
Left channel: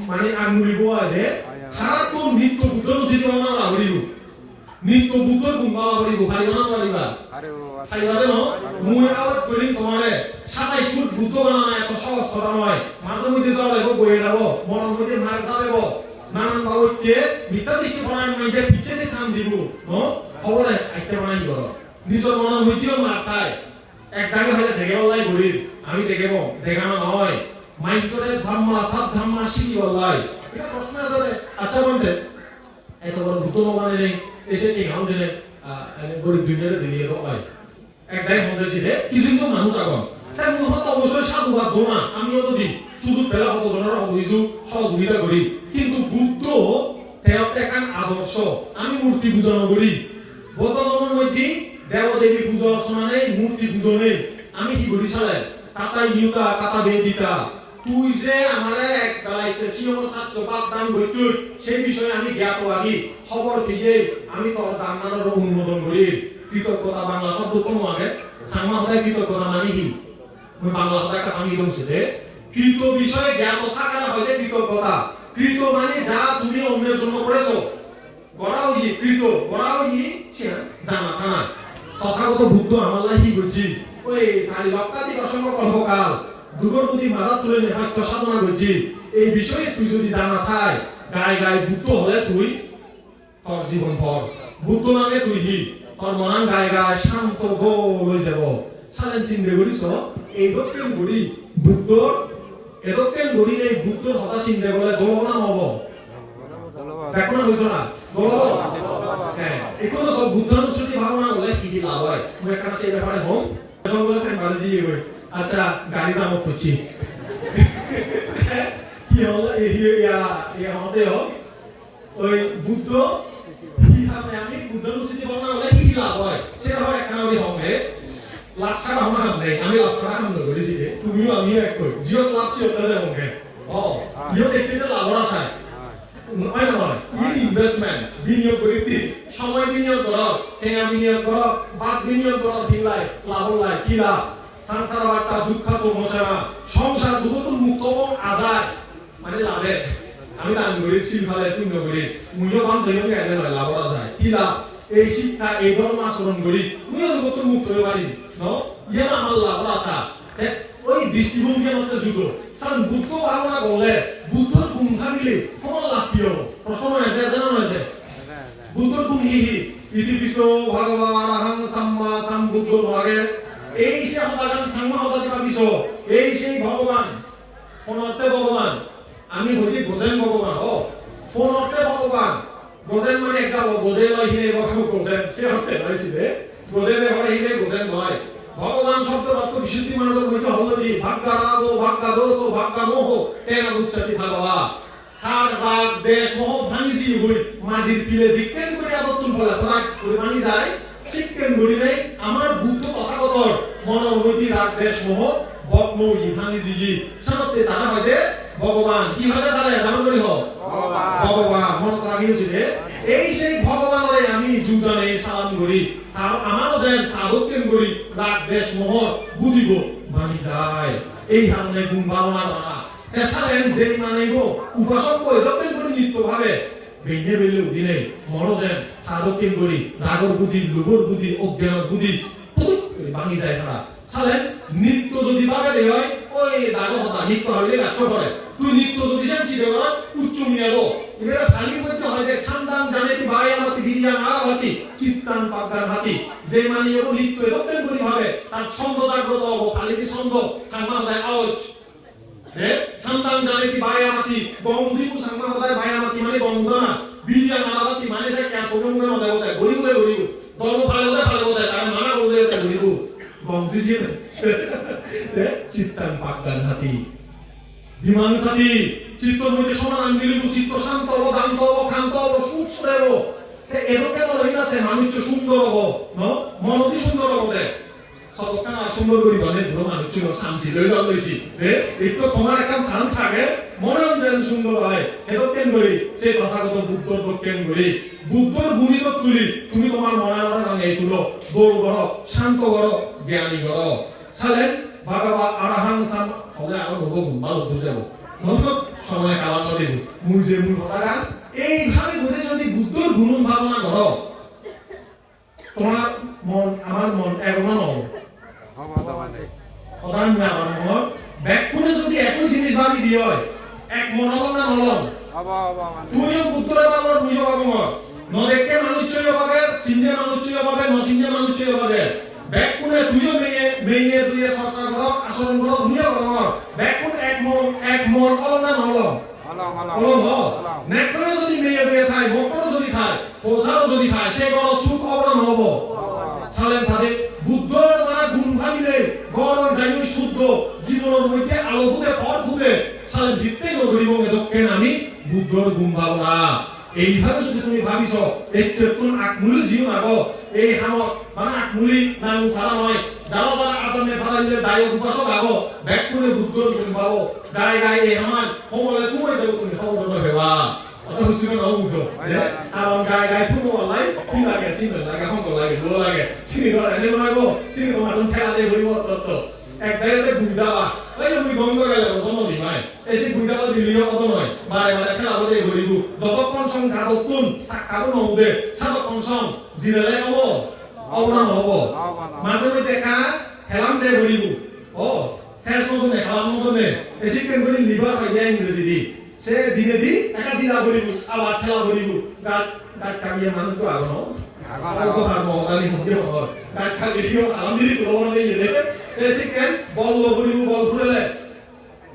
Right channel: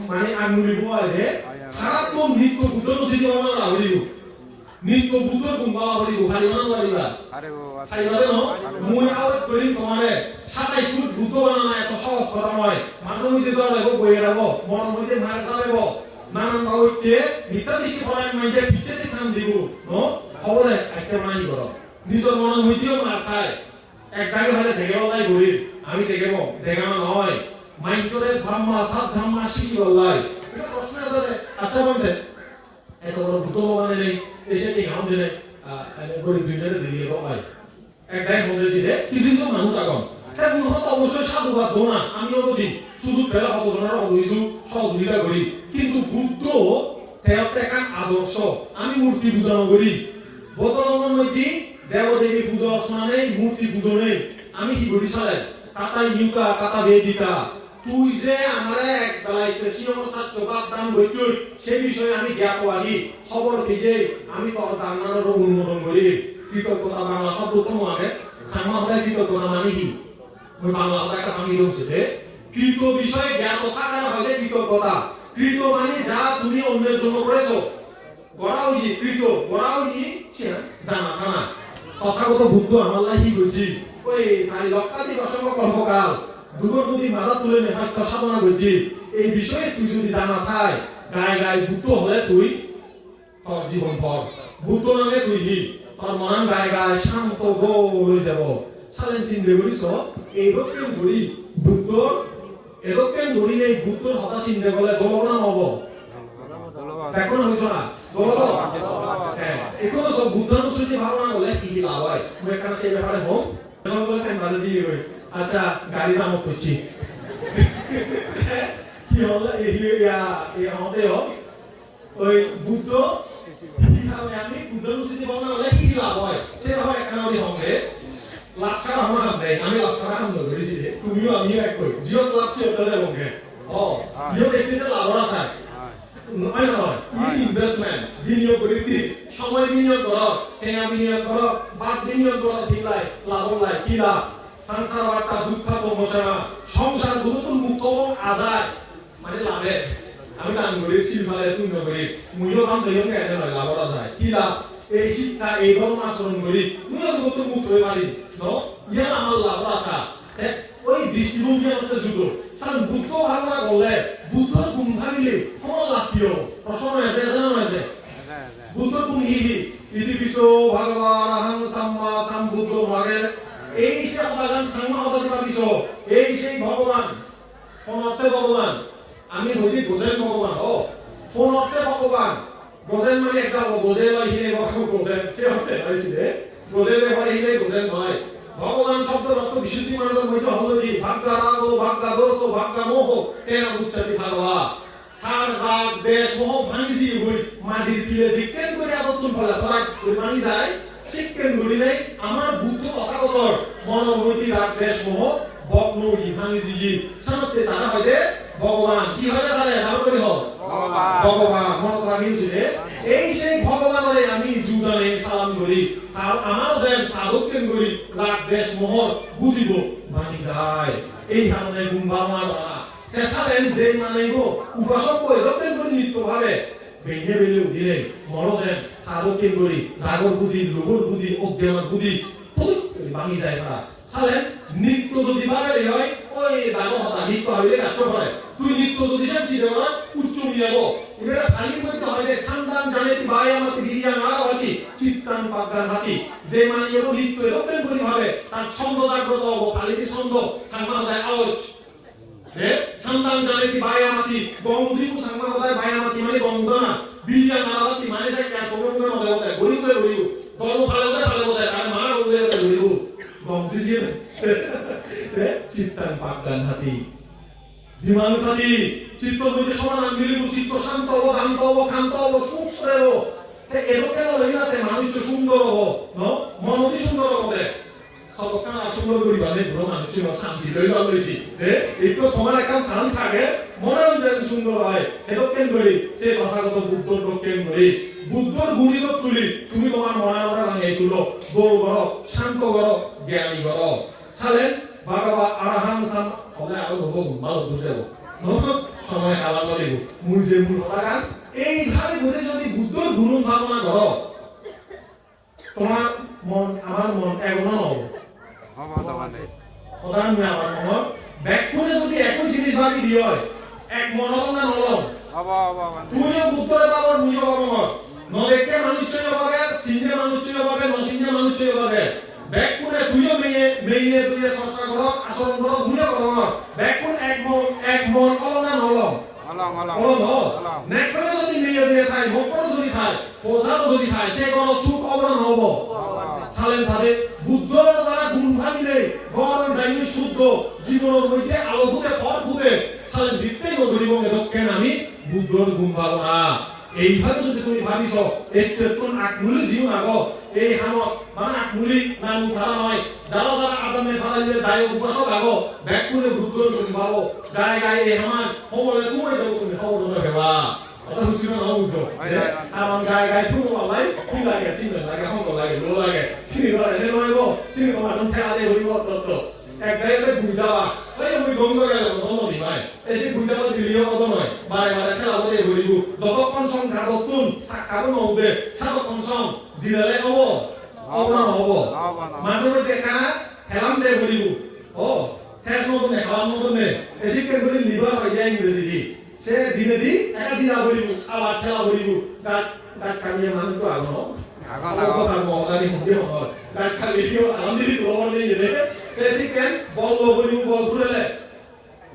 মানে আঙ্গুলি বোয়ালে সারা তো নিত্য বুদ্ধর চিন্তা ভাবনা রাখলিও নিত্য বুদ্ধর গুম্বা রাখলিও খালি না পারিবা খালি বাদে ন মুই আওয়াজ করি তোমারে 27 ফুট বুদ্ধ বানানো এত সহজ কথা নয় মাঝে মধ্যে চলে গো বইয়ে যাব মনের মধ্যে মার চালাব নানান ভাবে মিথ্যা দৃষ্টি ফলায় মাইজে পিছনে টান দিব ন খবরে আইতে মাই করো নিজের মনের মধ্যেও মার তাই একটাকে হলে দেখে বললাই ঘুরি আমি দেখেব দেখানো নয় মাইন্ডরে ধাম্মা সব ধাম্মা শিখি বললাই এটা প্রশ্ন আছে আচ্ছা বলতে এত বড় ভূত মানে নেই এসে কি হাম দিলে গরিব দুনিয়ারে দিয়ে তো হয় একটাই হয়েছে রে কিছু কিছু মানুষ আগন তাই মহৎ অবশ্যই সাধুবাদ দো না আমিও তো দিই সুযোগ পেলে কতজনের হইছু সহযোগিতা করি কিন্তু বুদ্ধ তেরতে একান আদর্শ আমি মূর্তি পূজন করি বর্তমানের মধ্যে দেবদেবী পূজা অর্চনা নেই মূর্তি পূজন নেই আমি কি করি চালাই কাটা ইউতা কাটা বেদিতা তুই যে আমারে এক বেলাইতে সিয়মর ছাত্র বাদ দান বইতুল সেই বিষয়ে আমি জ্ঞাত লাগি খবর দিয়ে আমি তোর দানার অনুমোদন করি কৃতজ্ঞতা বাংলা শব্দ কোন আগে সামাদায় কৃতজ্ঞতা মানে কি মই বাংলা কথা আমি বলছি যে কৃত বিষয়ে জ্ঞাত থাকার হলে কৃতজ্ঞতা কৃত মানে যা তুমি অন্যের জন্য করেছো গড়াও ই কৃত গড়াও ই জানা থানা তথাগত বুদ্ধ আমাদের কি বুঝি ওই সারি লক্ষাধিক অসংখ্য কল্পকাল দুগর প্রতি মাথা তুলে নেপাত্য সাধনা করছি এই বিষয়ে তুই যদি জানা থাই গায়ে গায়ে বুদ্ধ হলে তুই তোর জীবন পর বুদ্ধ নামে তুই হি তোর মনান গায়ে গায়ে শান্ত গলে যাব সালেন চিনবে বলিস এই দক্ষিণ গড়ি বুদ্ধ এরকম গড়ি নেই বুদ্ধর হতা চিনতে গেলে দলব না হব দেখো না হয়েছ না দলব হ্যাঁ এগুলো সব বুদ্ধর শ্রুতি ভাবনা হলে কি লাভ হয় আমি একটা সেই ব্যাপারে হোক আচ্ছা গাড়ি চালক করছি কি হল আমাদের ওই বুদ্ধ আমি বুদ্ধ রুচিতে ভাবনা হলে কি লাভ হয় সেটা হয় একটা হবে লাভ ছাড়া আমরা খাম নাই আমি লাভ ছাড়া খাম ধরেছি তুমিও আমিও এক করি জিও লাভ ছিল ওকে ও ইও দেখছি যে লাভ আছে নয় নয় ইনভেস্টমেন্ট বিনিয়োগ করি সময় বিনিয়োগ করো টেঙা বিনিয়োগ করো বাদ বিনিয়োগ করো দিলাই লাভ লাই কি লাভ সংসার বার্তা দুঃখ প্রমোচনা সংসার দুঃখ মুক্ত এবং আজাদ মানে লাভে আমি দান করি চিল ফালে তুই নকরি মুইও কাম দেও কে আগে লাভ যায় কি লাভ এই শিক্ষা এই ধর্ম আচরণ করি মুইও কত মুক্ত হয়ে পারি ন ইয়া আমার লাভ আছে ওই দৃষ্টিভঙ্গি মতে যুগ কারণ বুদ্ধ ভাবনা বলে বুদ্ধর গুণ ভাবিলে কোন লাভ কি প্রশ্ন আছে জানা আছে বুদ্ধর গুণ কি ইতি বিশ্বো ভগবান আহং সাম্মা সাম্বুদ্ধ মাগে এই সে হতাগান সাম্মা হতাগা বিশ্ব এই সেই ভগবান কোন অর্থে ভগবান আমি হইতে বোঝেন ভগবান ও কোন অর্থে ভগবান বোঝেন মানে একটা বোঝে বা হিরে ভগবান বোঝেন সে অর্থে নয়ছি রে বোঝেন মানে হিরে বোঝেন নয় ভগবান শব্দের অর্থ বিশুদ্ধি মানবের মধ্যে হলো কি ভাগ্যা রাগ ও ভাগ্যা দোষ ও ভাগ্যা মোহ তেনা উচ্চতি ভাগবা তার রাগ দেশ মোহ ভাঙিজি হই মাঝির কিলে জিকেন করে আবতুল বলা তোরা মানি যায় শিক্ষেন গড়ি নাই আমার বুদ্ধ তথাগতর মনোমতি রাগ দেশ মোহ ভগ্ন ভাঙিজি সনতে তারা হয় ভগবান কি হয় তাহলে নাম করি হোক ভগবান মন রাগিয়েছিল করি আর আমারও যেন তাদকেন করি রাগ দেশ মোহর বুঝিব মানি যায় এই ধরনের গুণ ভাবনা করা এছাড়েন যে মানিব উপাসক এদকেন করি নিত্যভাবে বেঁধে বেলেও দিলে মরো যেন তাদকেন করি রাগর বুদ্ধি লোভর বুদ্ধি অজ্ঞানের বুদ্ধি ভাঙি যায় তারা সালে নিত্য যদি বাগারে হয় ওই দাগো হতা নিত্য হইলে রাজ্য করে তুই নিত্য যদি শান্তি দেও না উচ্চ মিলাবো এবারে খালি বলতে হয় যে ছান্দাম জানেতি বায়ামাতি বিরিয়া আরাবাতি চিত্তান পাগান হাতি যে মানে এর নিত্য এরকম করি ভাবে তার ছন্দ জাগ্রত হবো খালি কি ছন্দ সামা হয় আওয়াজ ছান্দাম জানেতি বায়ামাতি গঙ্গিকু সামা হয় বায়ামাতি মানে গঙ্গনা বিরিয়া আরাবাতি মানে সে কে সোমঙ্গে নদে হতে গরিব গল্প ভালো হতে আর মানা বলতে গরিব গঙ্গিজি চিত্তান পাগান হাতি বিমান সাথী চিত্তর মধ্যে সমাধান মিলিব চিত্ত শান্ত হব দান্ত হব ক্ষান্ত হব সুখ দেব এরকম রইলাতে মানুষ সুন্দর হব মনটি সুন্দর হবে সবকান সুন্দর করি বলে বড় মানুষ শান্তি লই যাওয়া বেশি একটু তোমার একটা শান্ত থাকে মনে যেন সুন্দর হয় এরকম করি সেই কথাগত বুদ্ধ দক্ষিণ করি বুদ্ধর গুণিত তুলি তুমি তোমার মনের মনে এই তুলো দৌড় করো শান্ত করো জ্ঞানী করো সালে বাবা আরাহাং সাম হবে আরো বহু ভালো বুঝাব সময় কালাম দেব মুজে মূল কথা এইভাবে ঘুরে যদি বুদ্ধর গুণ ভাবনা করো তোমার মন আমার মন একমন হবে সদান আমার মন ব্যাকুণে যদি একই জিনিস ভাবি দিয়ে হয় এক মন হল না নলম তুইও বুদ্ধরে বাবার মুইও বাবার নদেখে মানুষ হবে সিংহে মানুষ হবে নসিংহে মানুষ হবে ব্যাকুণে তুইও মেয়ে তুই চর্চা করো আচরণ করো তুইও করো ব্যাকুণ এক মন হল না নলম কলম নেকলে যদি মেয়ে দিয়ে থাকে ভক্তর যদি থাকে পোষারও যদি থাকে সে কোনো সুখ অবরণ হব সালেন সাথে বুদ্ধর দ্বারা গুণ ভাবিলে গণ জানি শুদ্ধ জীবনের মধ্যে আলো ভূতে পথ ভূতে সালেন ভিত্তে নগরী এবং এদকেন আমি বুদ্ধর গুণ ভাবো না এইভাবে যদি তুমি ভাবিছ এই চেতন আকমূল্য জীবন আগো এই হামত মানে আকমূলি নাম ধারা নয় যারা যারা আদমে ধারা দিলে দায় উপাসক আগো ব্যাকুণে বুদ্ধর গুণ ভাবো গায়ে গায়ে এই হামান সমলে তুমি যাবো তুমি খবর ভেবা অত বুঝছি না বুঝো আমার গায়ে গায়ে তুমি বলাই তুই লাগে চিনি লাগে হঙ্গ লাগে লো লাগে চিনি বলে এনে নয় গো চিনি তোমার ঠেলা দিয়ে ঘুরিব তত্ত্ব এক গায়ে বুঝাবা ওই যে তুমি গঙ্গ গেলে জন্ম দিবাই এসে বুঝাবা দিলিও কত নয় বারে বারে খেলা বলে ঘুরিব যতক্ষণ সংখ্যা নতুন সাক্ষাৎ নহবে ততক্ষণ সং জিরালে হব অবনা হব মাঝে মধ্যে কানা খেলাম দিয়ে ঘুরিব ও খেস মতনে খেলাম মতনে এসে কেন করে লিভার হয় যায় ইংরেজি দি সে দিনে দি একা জিরা ঘুরিব আবার খেলা ঘুরিব গাত গাত কামিয়ে মানুষ তো আগনো কথা মহালি মধ্যে হল গাত খালিও আরাম দি ভ্রমণ দিয়ে যেতে এসে কেন বল ঘুরিব বল ঘুরেলে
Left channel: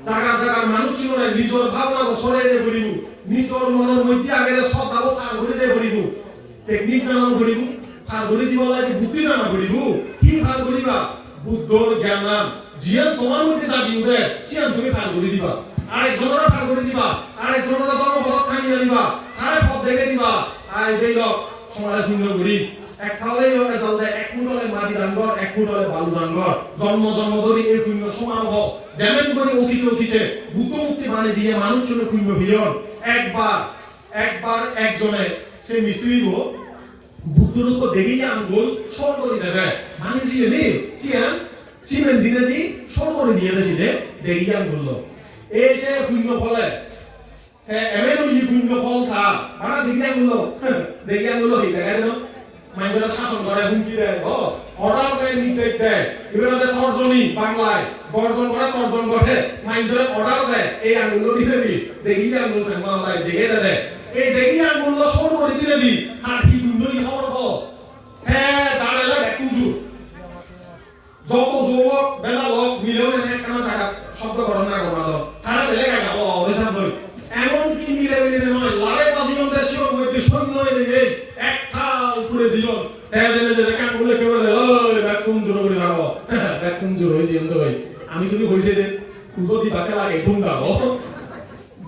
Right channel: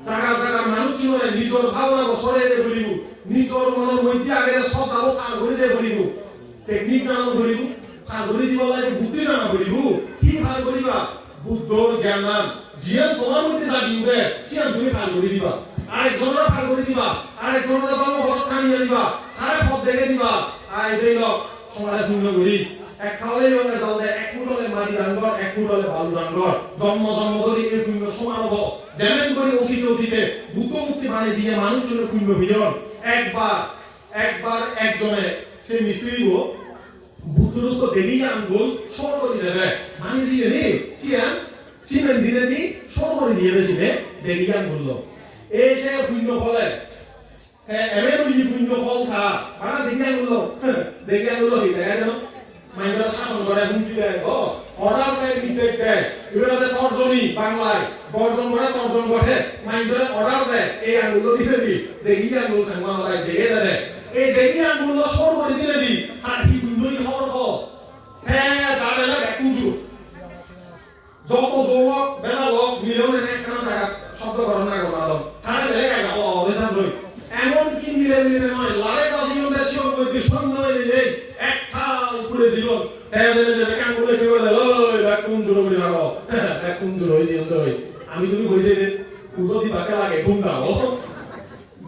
জায়গা জায়গার মানুষ চুরে নিজের ভাবনা সরে দিয়ে ঘুরিব নিজের মনের মধ্যে আগে শ্রদ্ধা তার ঘুরে দিয়ে ঘুরিব টেকনিক জানানো ঘুরিব তার ঘুরে দিব লাগে বুদ্ধি জানা ঘুরিব কি ভাল করিবা বুদ্ধর জ্ঞান নাম জিয়ান তোমার মধ্যে জাগিবে জিয়ান তুমি ভাল করে দিবা আরেকজনেরা ভাল করে দিবা আরেকজনেরা তোমার পথ খানি আনিবা তারে পথ দেখে দিবা আই দেইল সমাজে ভিন্ন করি এক খাওয়ালেই হলে চলতে এক মুঠলে মাটি দাঙ্গর এক মুঠলে বালু দাঙ্গর জন্ম জন্ম ধরে এই ভিন্ন সমান হব যেমন করে অতীতে বুদ্ধ মুক্তি বাণী দিয়ে মানুষ চলে ভিন্ন ভিজন একবার একজনে সে মিস্ত্রি বুদ্ধর উপর দেখেই আঙ্গুল সর করে দেবে মানে জিনে চিয়ান সিমেন্ট দিনে দি সর করে দিয়ে দিয়েছিলে দেখেই আঙ্গুল এই সে ভিন্ন ফলে এমন ওই ভিন্ন ফল থা মানে দেখে আঙ্গুল হয়ে থাকে যেন মাইন্ডরা শাসন করে হুমকি দেয় অর্ডার দেয় নির্দেশ দেয় এগুলোতে তর্জনী বাংলায় বর্জন করে মাইন্ডরে অর্ডার দেয় এই আঙ্গুল দিতে দি দেখি আঙ্গুল সাংবাদিক দেখে দেয় এই দেখি আঙ্গুল সর করে দিলে দি আর কি দুই খবর হ্যাঁ দাঁড়ালে কুঞ্জু যত যুবক বেজা লোক মিলেও কেন জায়গা শব্দ করেন না করো তারা দিলে গাইবা বেজা লই এমন কি মিলে নয় লারে বাজিগন দেশীয় মধ্যে সৈন্য এনে এক খাল পুরে জীবন কান বলে কেউ কুঞ্জু করে যাবো কুঞ্জু হয়েছে আমি তুমি হয়েছে উত্তর দিবাকে লাগে ধুমটা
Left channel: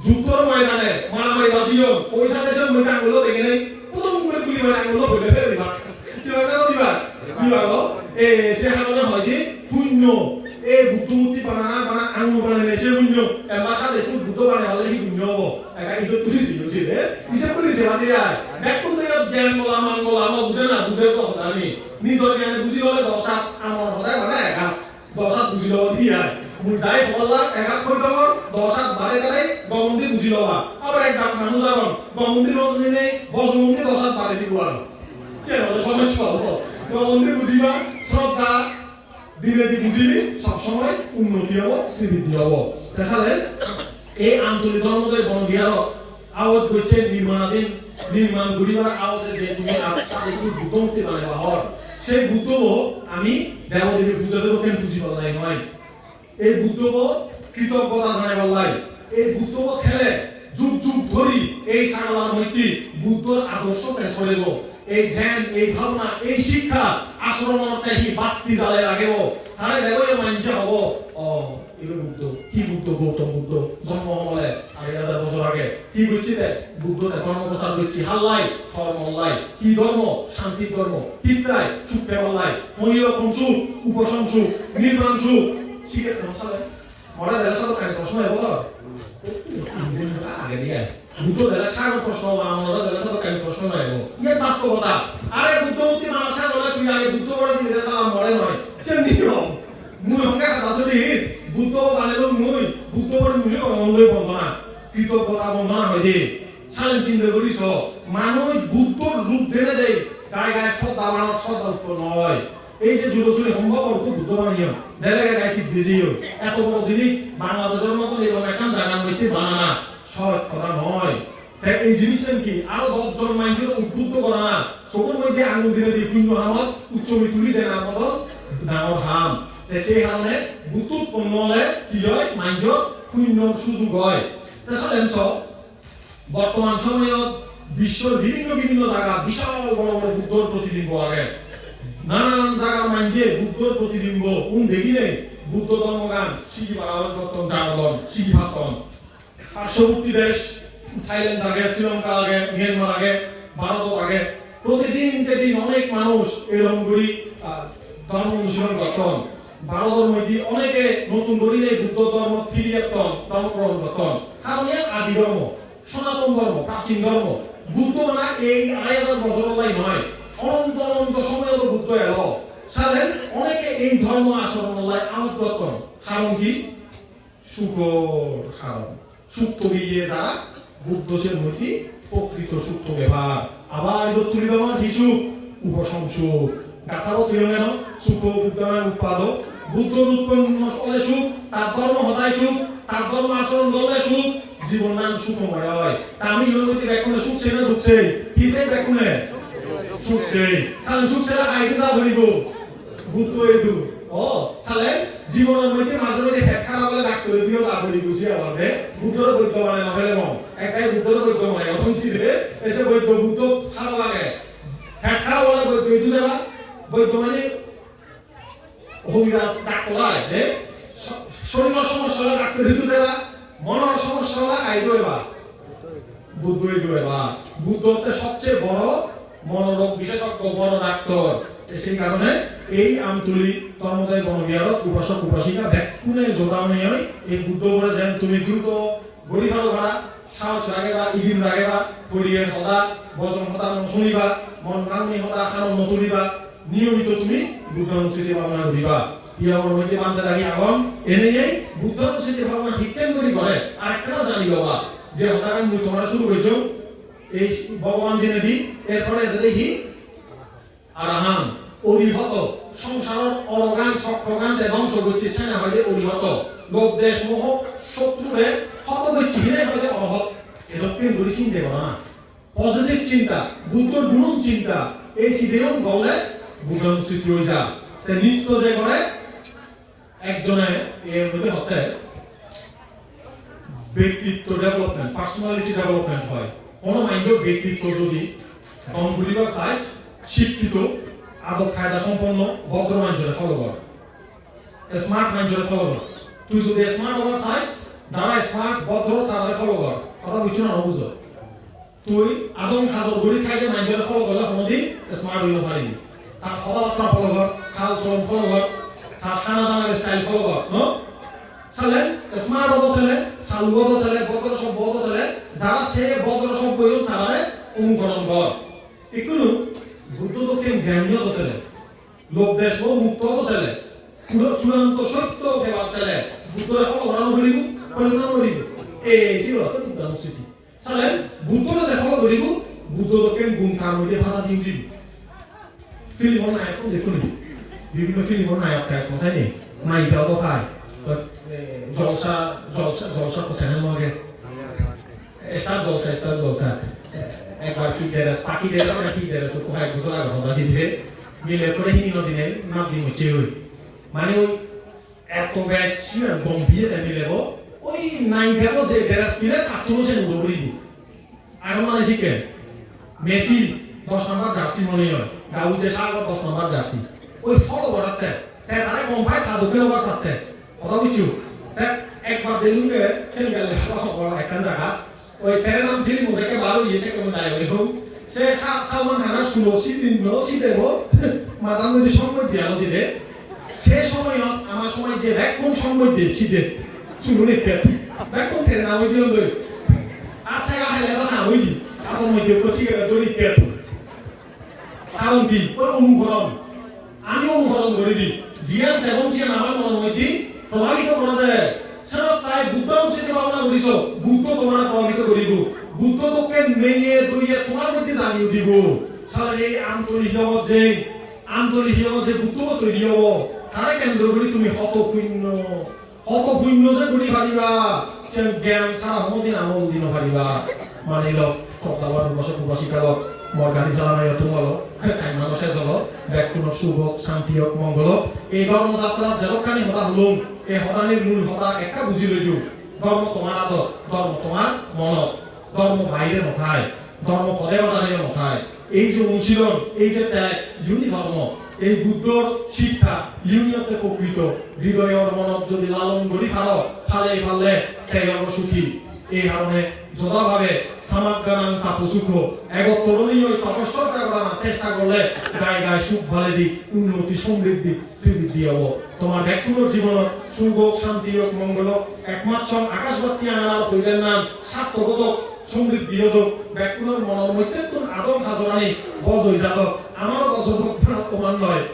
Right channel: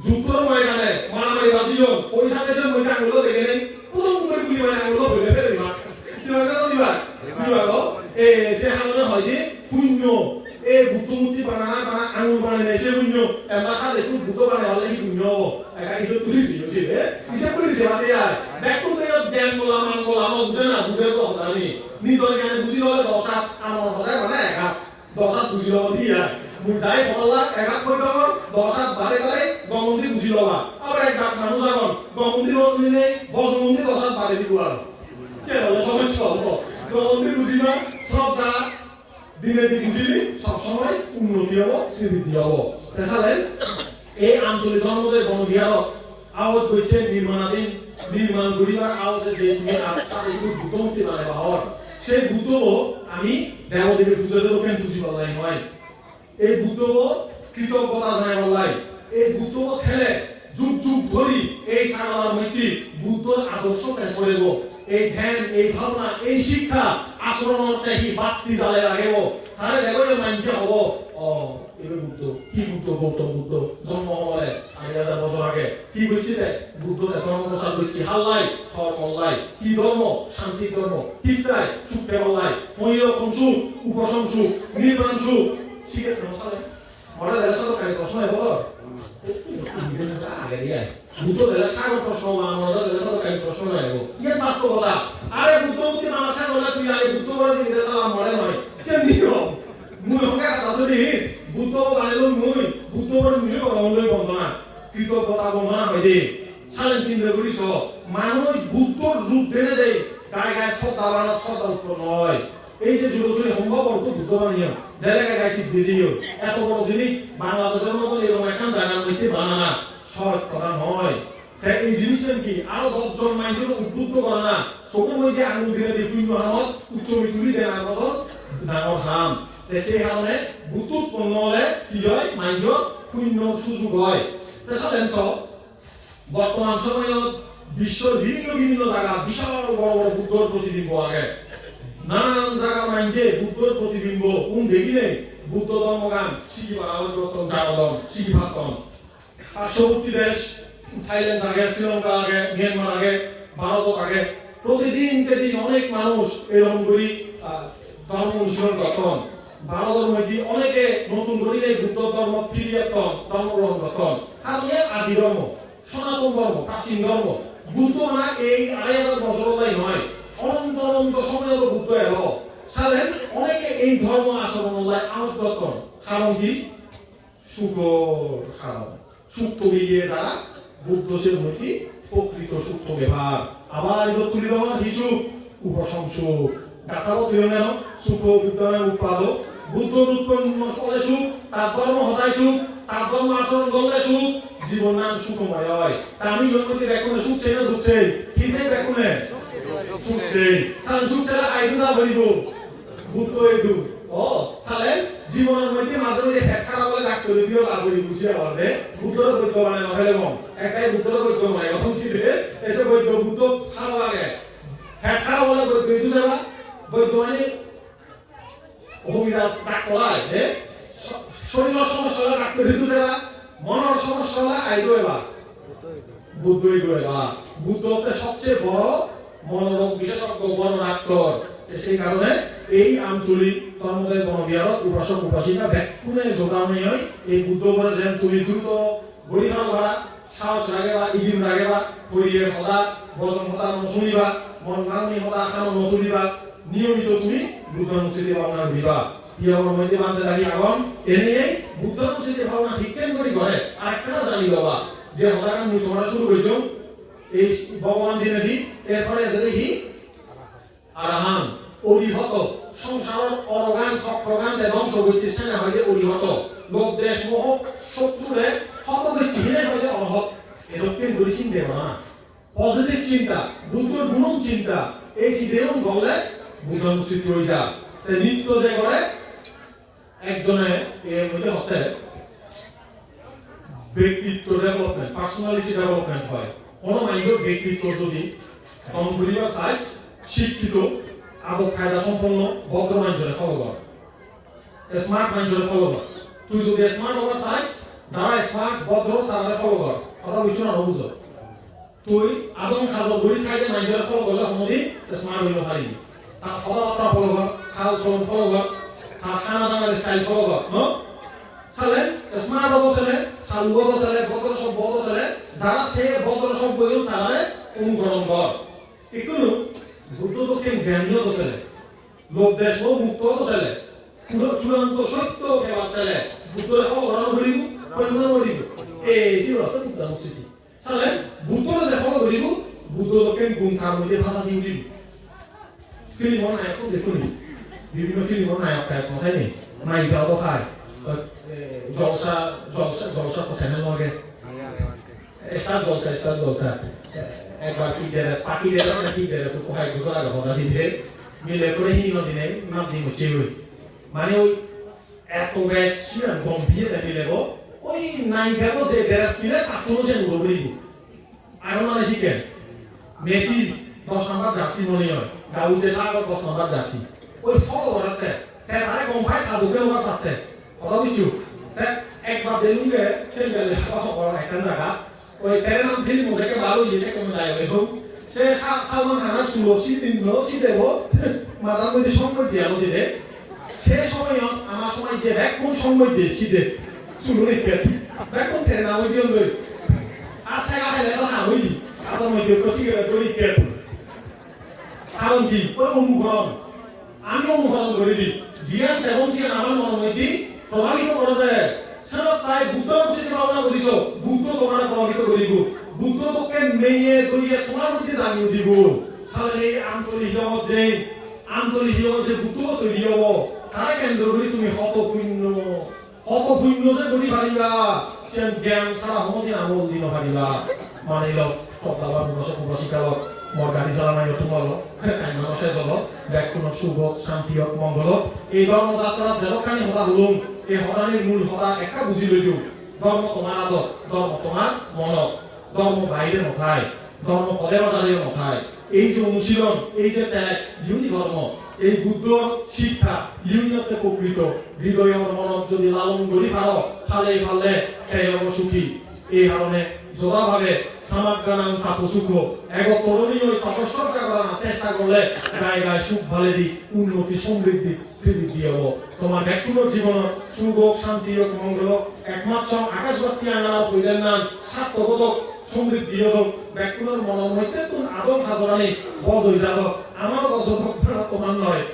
যুদ্ধর ময়দানে মারামারি বাজিল পয়সা দেশের মধ্যে আঙুল দেখে নেই প্রথম করে গুলি মানে আঙুল ফেলে ফেলে দিবা দিবা এ সে হালনে হয় যে পুণ্য এ বুদ্ধমূর্তি বানা আঙুল বানালে সে পুণ্য এবার সাথে খুব বুদ্ধ বানালে হলে কি পুণ্য হবো একা কিন্তু তুলিছি হিসেব করেছে বাদে আর ব্যাকুল জ্ঞান বললাম বুঝে না বুঝে তো নিজের জ্ঞানে বুঝি ললে দশাত আমার হলে মানে এগাত দশাত বুঝি লওয়া দিয়া মুই যাই বললা এগাত কই দমর দশাত বারে বারে গমন্দি বুঝি লওয়া আবার এক দাম মানুষ আরন গমন্দি রজনে বজমন্দি দশাত বারে দিব আর চেলো সময় চলো গমন্দি বুঝিবা শ্রদ্ধা দিনে দি বুঝিলি সব সময় উন্নতি হবো শ্রীবৃদ্ধি হবো তাছাড়া এই আন্তরিক ধর্মদের বনবিহার আওয়াজ হচ্ছে নির্মাণাধীন নির্মাণ গরিবার আওয়াজে যে তুমি সাথে বুদ্ধমূর্তি বানাইবা হর সেই বুদ্ধ আমি দেবদেবী পুজো দেবো কেন বুঝি বলাই নয় এই বুদ্ধ কৃতজ্ঞতা জানাই বলাই এই বুদ্ধ খেলে যুগ যুগ ধরি এই সাগলার মধ্যে বুদ্ধর আদর্শ পেছনে গো এই ধ্যান এই ভাবনা এই শিক্ষা আশ্রমতে হি বাতি জ্বালে রাখেব তাহলে দেখো মানছে হব এবার বুদ্ধ কি বুদ্ধ গৌতম বুদ্ধ জন্ম হলে 2000 বছর আগে কি বলছি রে বুদ্ধ ধর্ম প্রচার করছি হাল্লাই ধর্মল্লাই কি ধর্ম শান্তি ধর্ম পিতায় সুখ পেলাই মহিরকম সুখ উপশম সুখ নির্মাণ সুখ শিখে নচলে মরা দেড়শো টাকা প্রশ্ন হবো আগে দিয়ে বুদ্ধ দেড়শো টাকা প্রশ্ন আমরা দেড়শো টাকা প্রশ্ন হবো ইয়ে বাস্তবতা আরে বুদ্ধমূর্তি মানুষের চলে তুই আগে বুদ্ধ করে দিলে সালাম মরে নয় চেন্দিও মুই হঙ্গা কথা শুনি বুদ্ধ বানাইল মুই বুদ্ধ বড় মিলে কমলই বন্দনা কৃতজ্ঞতা বন্দনা হয় দে সালেন চিন্তা করিস মানুষ বুদ্ধর রূপ দেনে দেয় গায়ে গায়ে শ্রদ্ধা বানানোর শ্রদ্ধা উৎপন্ন হয় এই যে যুব চুরি সম্ভব অর্থ বুদ্ধ বানিয়ে দেলে গায়ে সিদ্ধ দিয়েও এত বড় জিনিস বাংলাদেশের মতো এরকম একটা জায়গার মধ্যে বানানা সহজ কথা নয় তাই এই জিনিসের কি আরো 10 জন মানুষকে উদ্বুদ্ধ করা না চোখের মধ্যে আঙুল দিলে বিভিন্ন হামত উচ্চ তুলি দেন আর মতো ডাঙর হাম সেই কারণে বুদ্ধ উৎপন্ন হলে কি হয় মাইন্ড শূন্য সুযোগ হয় তাছাড়া বর্তমান সময়ে বিশ্বের বিভিন্ন জায়গা বিশাল বড় বড় বুদ্ধর প্রতিবিম্ব আগে নানান জায়গার মাইন্ডে বুদ্ধর প্রতিবিম্ব কোন দেখিলে বুদ্ধ ধর্মগান শিখি বাড়ানো করতাম জাগরণ শিখি ভাবতাম পার্শ্ববর্তী দেশ থাইল্যান্ড আগে শ্রীলঙ্কা আগে মিয়ানমার আগে ভারত আগে প্রতিদিন অনেক মানুষ এরকম করি ধর্ম অনুশীলন করতেন ভারতের মধ্যে অনেকে নতুন করিলে বুদ্ধ ধর্ম ফিরিয়ে ধর্মগ্রহণ করতেন কারণ এর আদি ধর্ম সনাতন ধর্ম প্রাচীন ধর্ম বুদ্ধ মানে এই 2000 বছর তাই নয় অনন্ত অনন্ত সময় বুদ্ধ এলো সালেন অনেকে এই ধর্ম আচরণ আমোদ করতেন কারণ কি সুখর কারণ সুখ তৈরিয়ে যারা বুদ্ধ সে মূর্তি প্রকৃত সুখ ব্যবহার আবার এবার তুলি দেওয়ার কিছু উপসংসুখ গাথাও তুই নেন সুখ বিদ্যমান উৎপাদ বুদ্ধ উৎপন্ন হলে সুখ তার ধর্ম হতাই সুখ তার ধর্ম আচরণ করলে সুখ জীবন নাম সুখময় হয় আমি জন্মতি ব্যাকুনে সুখছে না দুঃখছে কিসে ব্যাকুনে সুখছে কারণ সুখছে না আইদু যা ধরিব বুদ্ধ এদু ও সালে জীবনের মধ্যে মাঝে মাঝে হেড খারাপ হলে ডাক্তার দিও যা ধরি বুঝি আলাদে বুদ্ধর বৈদ্য বানায় না ফেলে কম একটাই বুদ্ধর বৈদ্য বানায় এখন ছিলে এসে বৈদ্য বুদ্ধ খারাপ লাগে হেড খারাপ হলে বৈদ্য এদু যাবা বৈদ্য মানে হবিরাজ ডাক্তার আয় শরীরের সমস্যা হলে ডাক্তার দিতে যাবা মনের সমস্যা হলে আইদু এবা বুদ্ধ এদু এবা বুদ্ধ হচ্ছে সবচেয়ে বড় মনোরোগ বিশেষজ্ঞ বড় ডাক্তার সেই কারণে এই আমতুলি ধর্মদের বনবিহারত উপাসক উপাসিকা ব্যাকুনে জোড়াও নিয়ে এই বুদ্ধ বলে যেন তুমি দ্রুত বলি ভালো ভাড়া সাহস রাখেবা ইদিন রাখেবা পরিয়ের হতা বচন হতা শুনিবা মন ভাঙনি হতা খানো নতুলিবা নিয়মিত তুমি বুদ্ধ অনুষ্ঠিতি ভাবনা করিবা ইয়ার মধ্যে মানতে লাগি আগন এনে বুদ্ধ অনুষ্ঠিতি ভাবনা শিক্ষণ করি করে আর একটা জানি বাবা যে হতা কাম তোমার শুরু হইছো এই ভগবান দিনে দি এরপরে যে দেখি আরাহান অরিহত সংসারের অরগান চক্রগান ধ্বংস হচ্ছে সেনা হইলে অরিহত লোক দেশ মোহ শত্রুরে হত হচ্ছে হইলে অহত এরকম বলি চিন্তা করো না পজিটিভ চিন্তা বুদ্ধর গুণ চিন্তা এই সিধেও বলে বুদ্ধ অনুষ্ঠিত হয়ে যা নিত্য যে করে একজনে এর মধ্যে হতে ব্যক্তিত্ব ডেভেলপমেন্ট পার্সোনালিটি ডেভেলপমেন্ট হয় কোন মাইন্ডের ব্যক্তিত্ব যদি কম্পিউটার সাইট শিক্ষিত আদব কায়দা সম্পন্ন ভদ্র মাইন্ডরে ফলো কর স্মার্ট মাইন্ডরে ফলো কর তুই যদি স্মার্ট হওয়ার চাই যারা স্মার্ট ভদ্র তারা ফলো কর কথা কিছু না বুঝো তুই আদম খাজর গুলি খাইতে মাইন্ডরে ফলো করলে কোনদিন স্মার্ট হইতে পারবি আর কথাবার্তা ফলো কর সাল চলন ফলো কর আর খানা দানার স্টাইল ফলো কর নো চলে স্মার্ট হতো ছেলে সালু হতো ছেলে ভদ্র সব হতো ছেলে যারা সে ভদ্র সব বইও তারা অনুকরণ কর এগুলো বুদ্ধ দক্ষিণ জ্ঞানী হতো ছেলে লোক দেশ মুক্ত তো ছেলে পুরো চূড়ান্ত সত্য কেবল ছেলে বুদ্ধরে খবরানো করিব পরিমাণ করিব এই ছিল তো কিন্তু মুসিটি সালে বুদ্ধরে যে খবর করিব বুদ্ধ লোকের গুণ কার মধ্যে ভাষা দিয়ে দিব ফিল্ম নায়ক তো দেখুন বিভিন্ন ফিল্ম নায়ক টাইপ কোথায় নেই নায়িকা কোথায় জলসা তো চ্যানেল মগে স্টার জলসা একবার কি দেরাস পাকি দেরাস না কি দেরাস কোথায় বছর আগে কথা জিতে মিলে করে হিনি দিনে নাম দিন হচ্ছে মানে ওই এত ব্যাগ ছিল গম্ভীর মিলে ওই নায়িকারও যে দেরাস কিনে তার তো সে দৌড়িব এখন মানে শিখে মেসি 10 নম্বর জার্সি মনে হয় গাউতে সাগর 10 নম্বর জার্সি ওই ফলো করাতে তারে কোম্পানি তার দুটো নম্বর সাথে কথা কিছু একবার দেলুঙ্গে সেনেগাল বড় একটা জায়গা ওই তেরে নাম ফিল্ম ওটাকে ভালো ইয়েছে কোন নাই এরকম সে সালমান খানের শুনো সিদিন দেব মাদার মধ্যে সময় দিয়ে আলোচিতে সে সময় আমার সময় যে কোন সময় দিয়ে শীতে শুনো রেখে কোন তেরে নাম হয়েছিল আর সেগা খেলে না হইলি কারণ মধ্যে তো সিগারেট করে রেখে কারণ কি ওই অনুকরণ আমি অনুকরণ করে দিই জিয়ান সেবন জিয়ান আমার মনের মধ্যে প্রমাণিত করে দেয় সেটা তাই বুদ্ধ অনুষ্ঠিত ভাবনা করিস বুদ্ধ তোমার প্রমাণিত করিব বুদ্ধ তোকে মেয়ে দইয়ে তোমার মধ্যে জানিয়ে দিব সালে এই আন্তরিক যে বুদ্ধ তৈরি হব তারা কেন্দ্র করে তুমি হতপূর্ণ যে করি পারিবা সে জ্ঞান সারা হমদিন আমল দিন পারিবা মানে লোক সকাল বসে শিকার মোর গাড়ি চালানো তোমার টাইম শেষ হলো ব্যাকুণ শুভ শান্তি হোক মঙ্গল এই ধর্মযাত্রা যেখানে হতা হলুম এই হতানির মূল হতা একটা বুঝি লইল ধর্ম তোমার আদর ধর্ম তোমার মনত ধর্ম বাইরে নথায় ধর্ম পদে বাজারে নথায় এই যে অনুশীলন এই যে ত্যাগ ইউনি ধর্ম এই বুদ্ধর শিক্ষা ইউনিয়তে প্রকৃত হৃদয়ের মনত যদি লালন করি পারলে ত্যাগের সুখী এই কারণে যোগাভাবে সামাগানাং তাপসুখ তরুণী ওই তপস্যা করার চেষ্টা করলে গায়ে গায়ে সুখ ভালে দিক উন্নতি সমৃদ্ধি শ্রীবৃদ্ধি হব তোমার ব্যক্তিগত জীবন সুখ শান্তি ও মঙ্গল একমাত্র আকাশবাতি আনার পৈদের নাম সার্থকত সমৃদ্ধি হতো ব্যক্তিগত মনের মধ্যে তুমি আদম খাজরানি বজ হয়ে যাত আমারও বজ তোমার নয়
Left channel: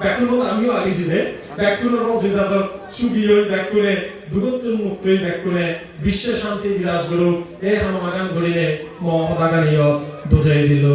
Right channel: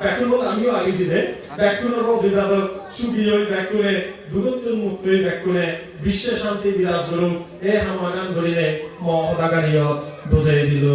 ব্যক্তিগত আমিও আগেছি রে ব্যক্তিগত বজ হয়ে যাত সুখী হই ব্যক্তিগত দূরত্ব মুক্ত হই ব্যক্তিগত বিশ্বের শান্তি বিরাজ করুক এই হামাগান করিলে মহদাগানীয় বুঝাই দিল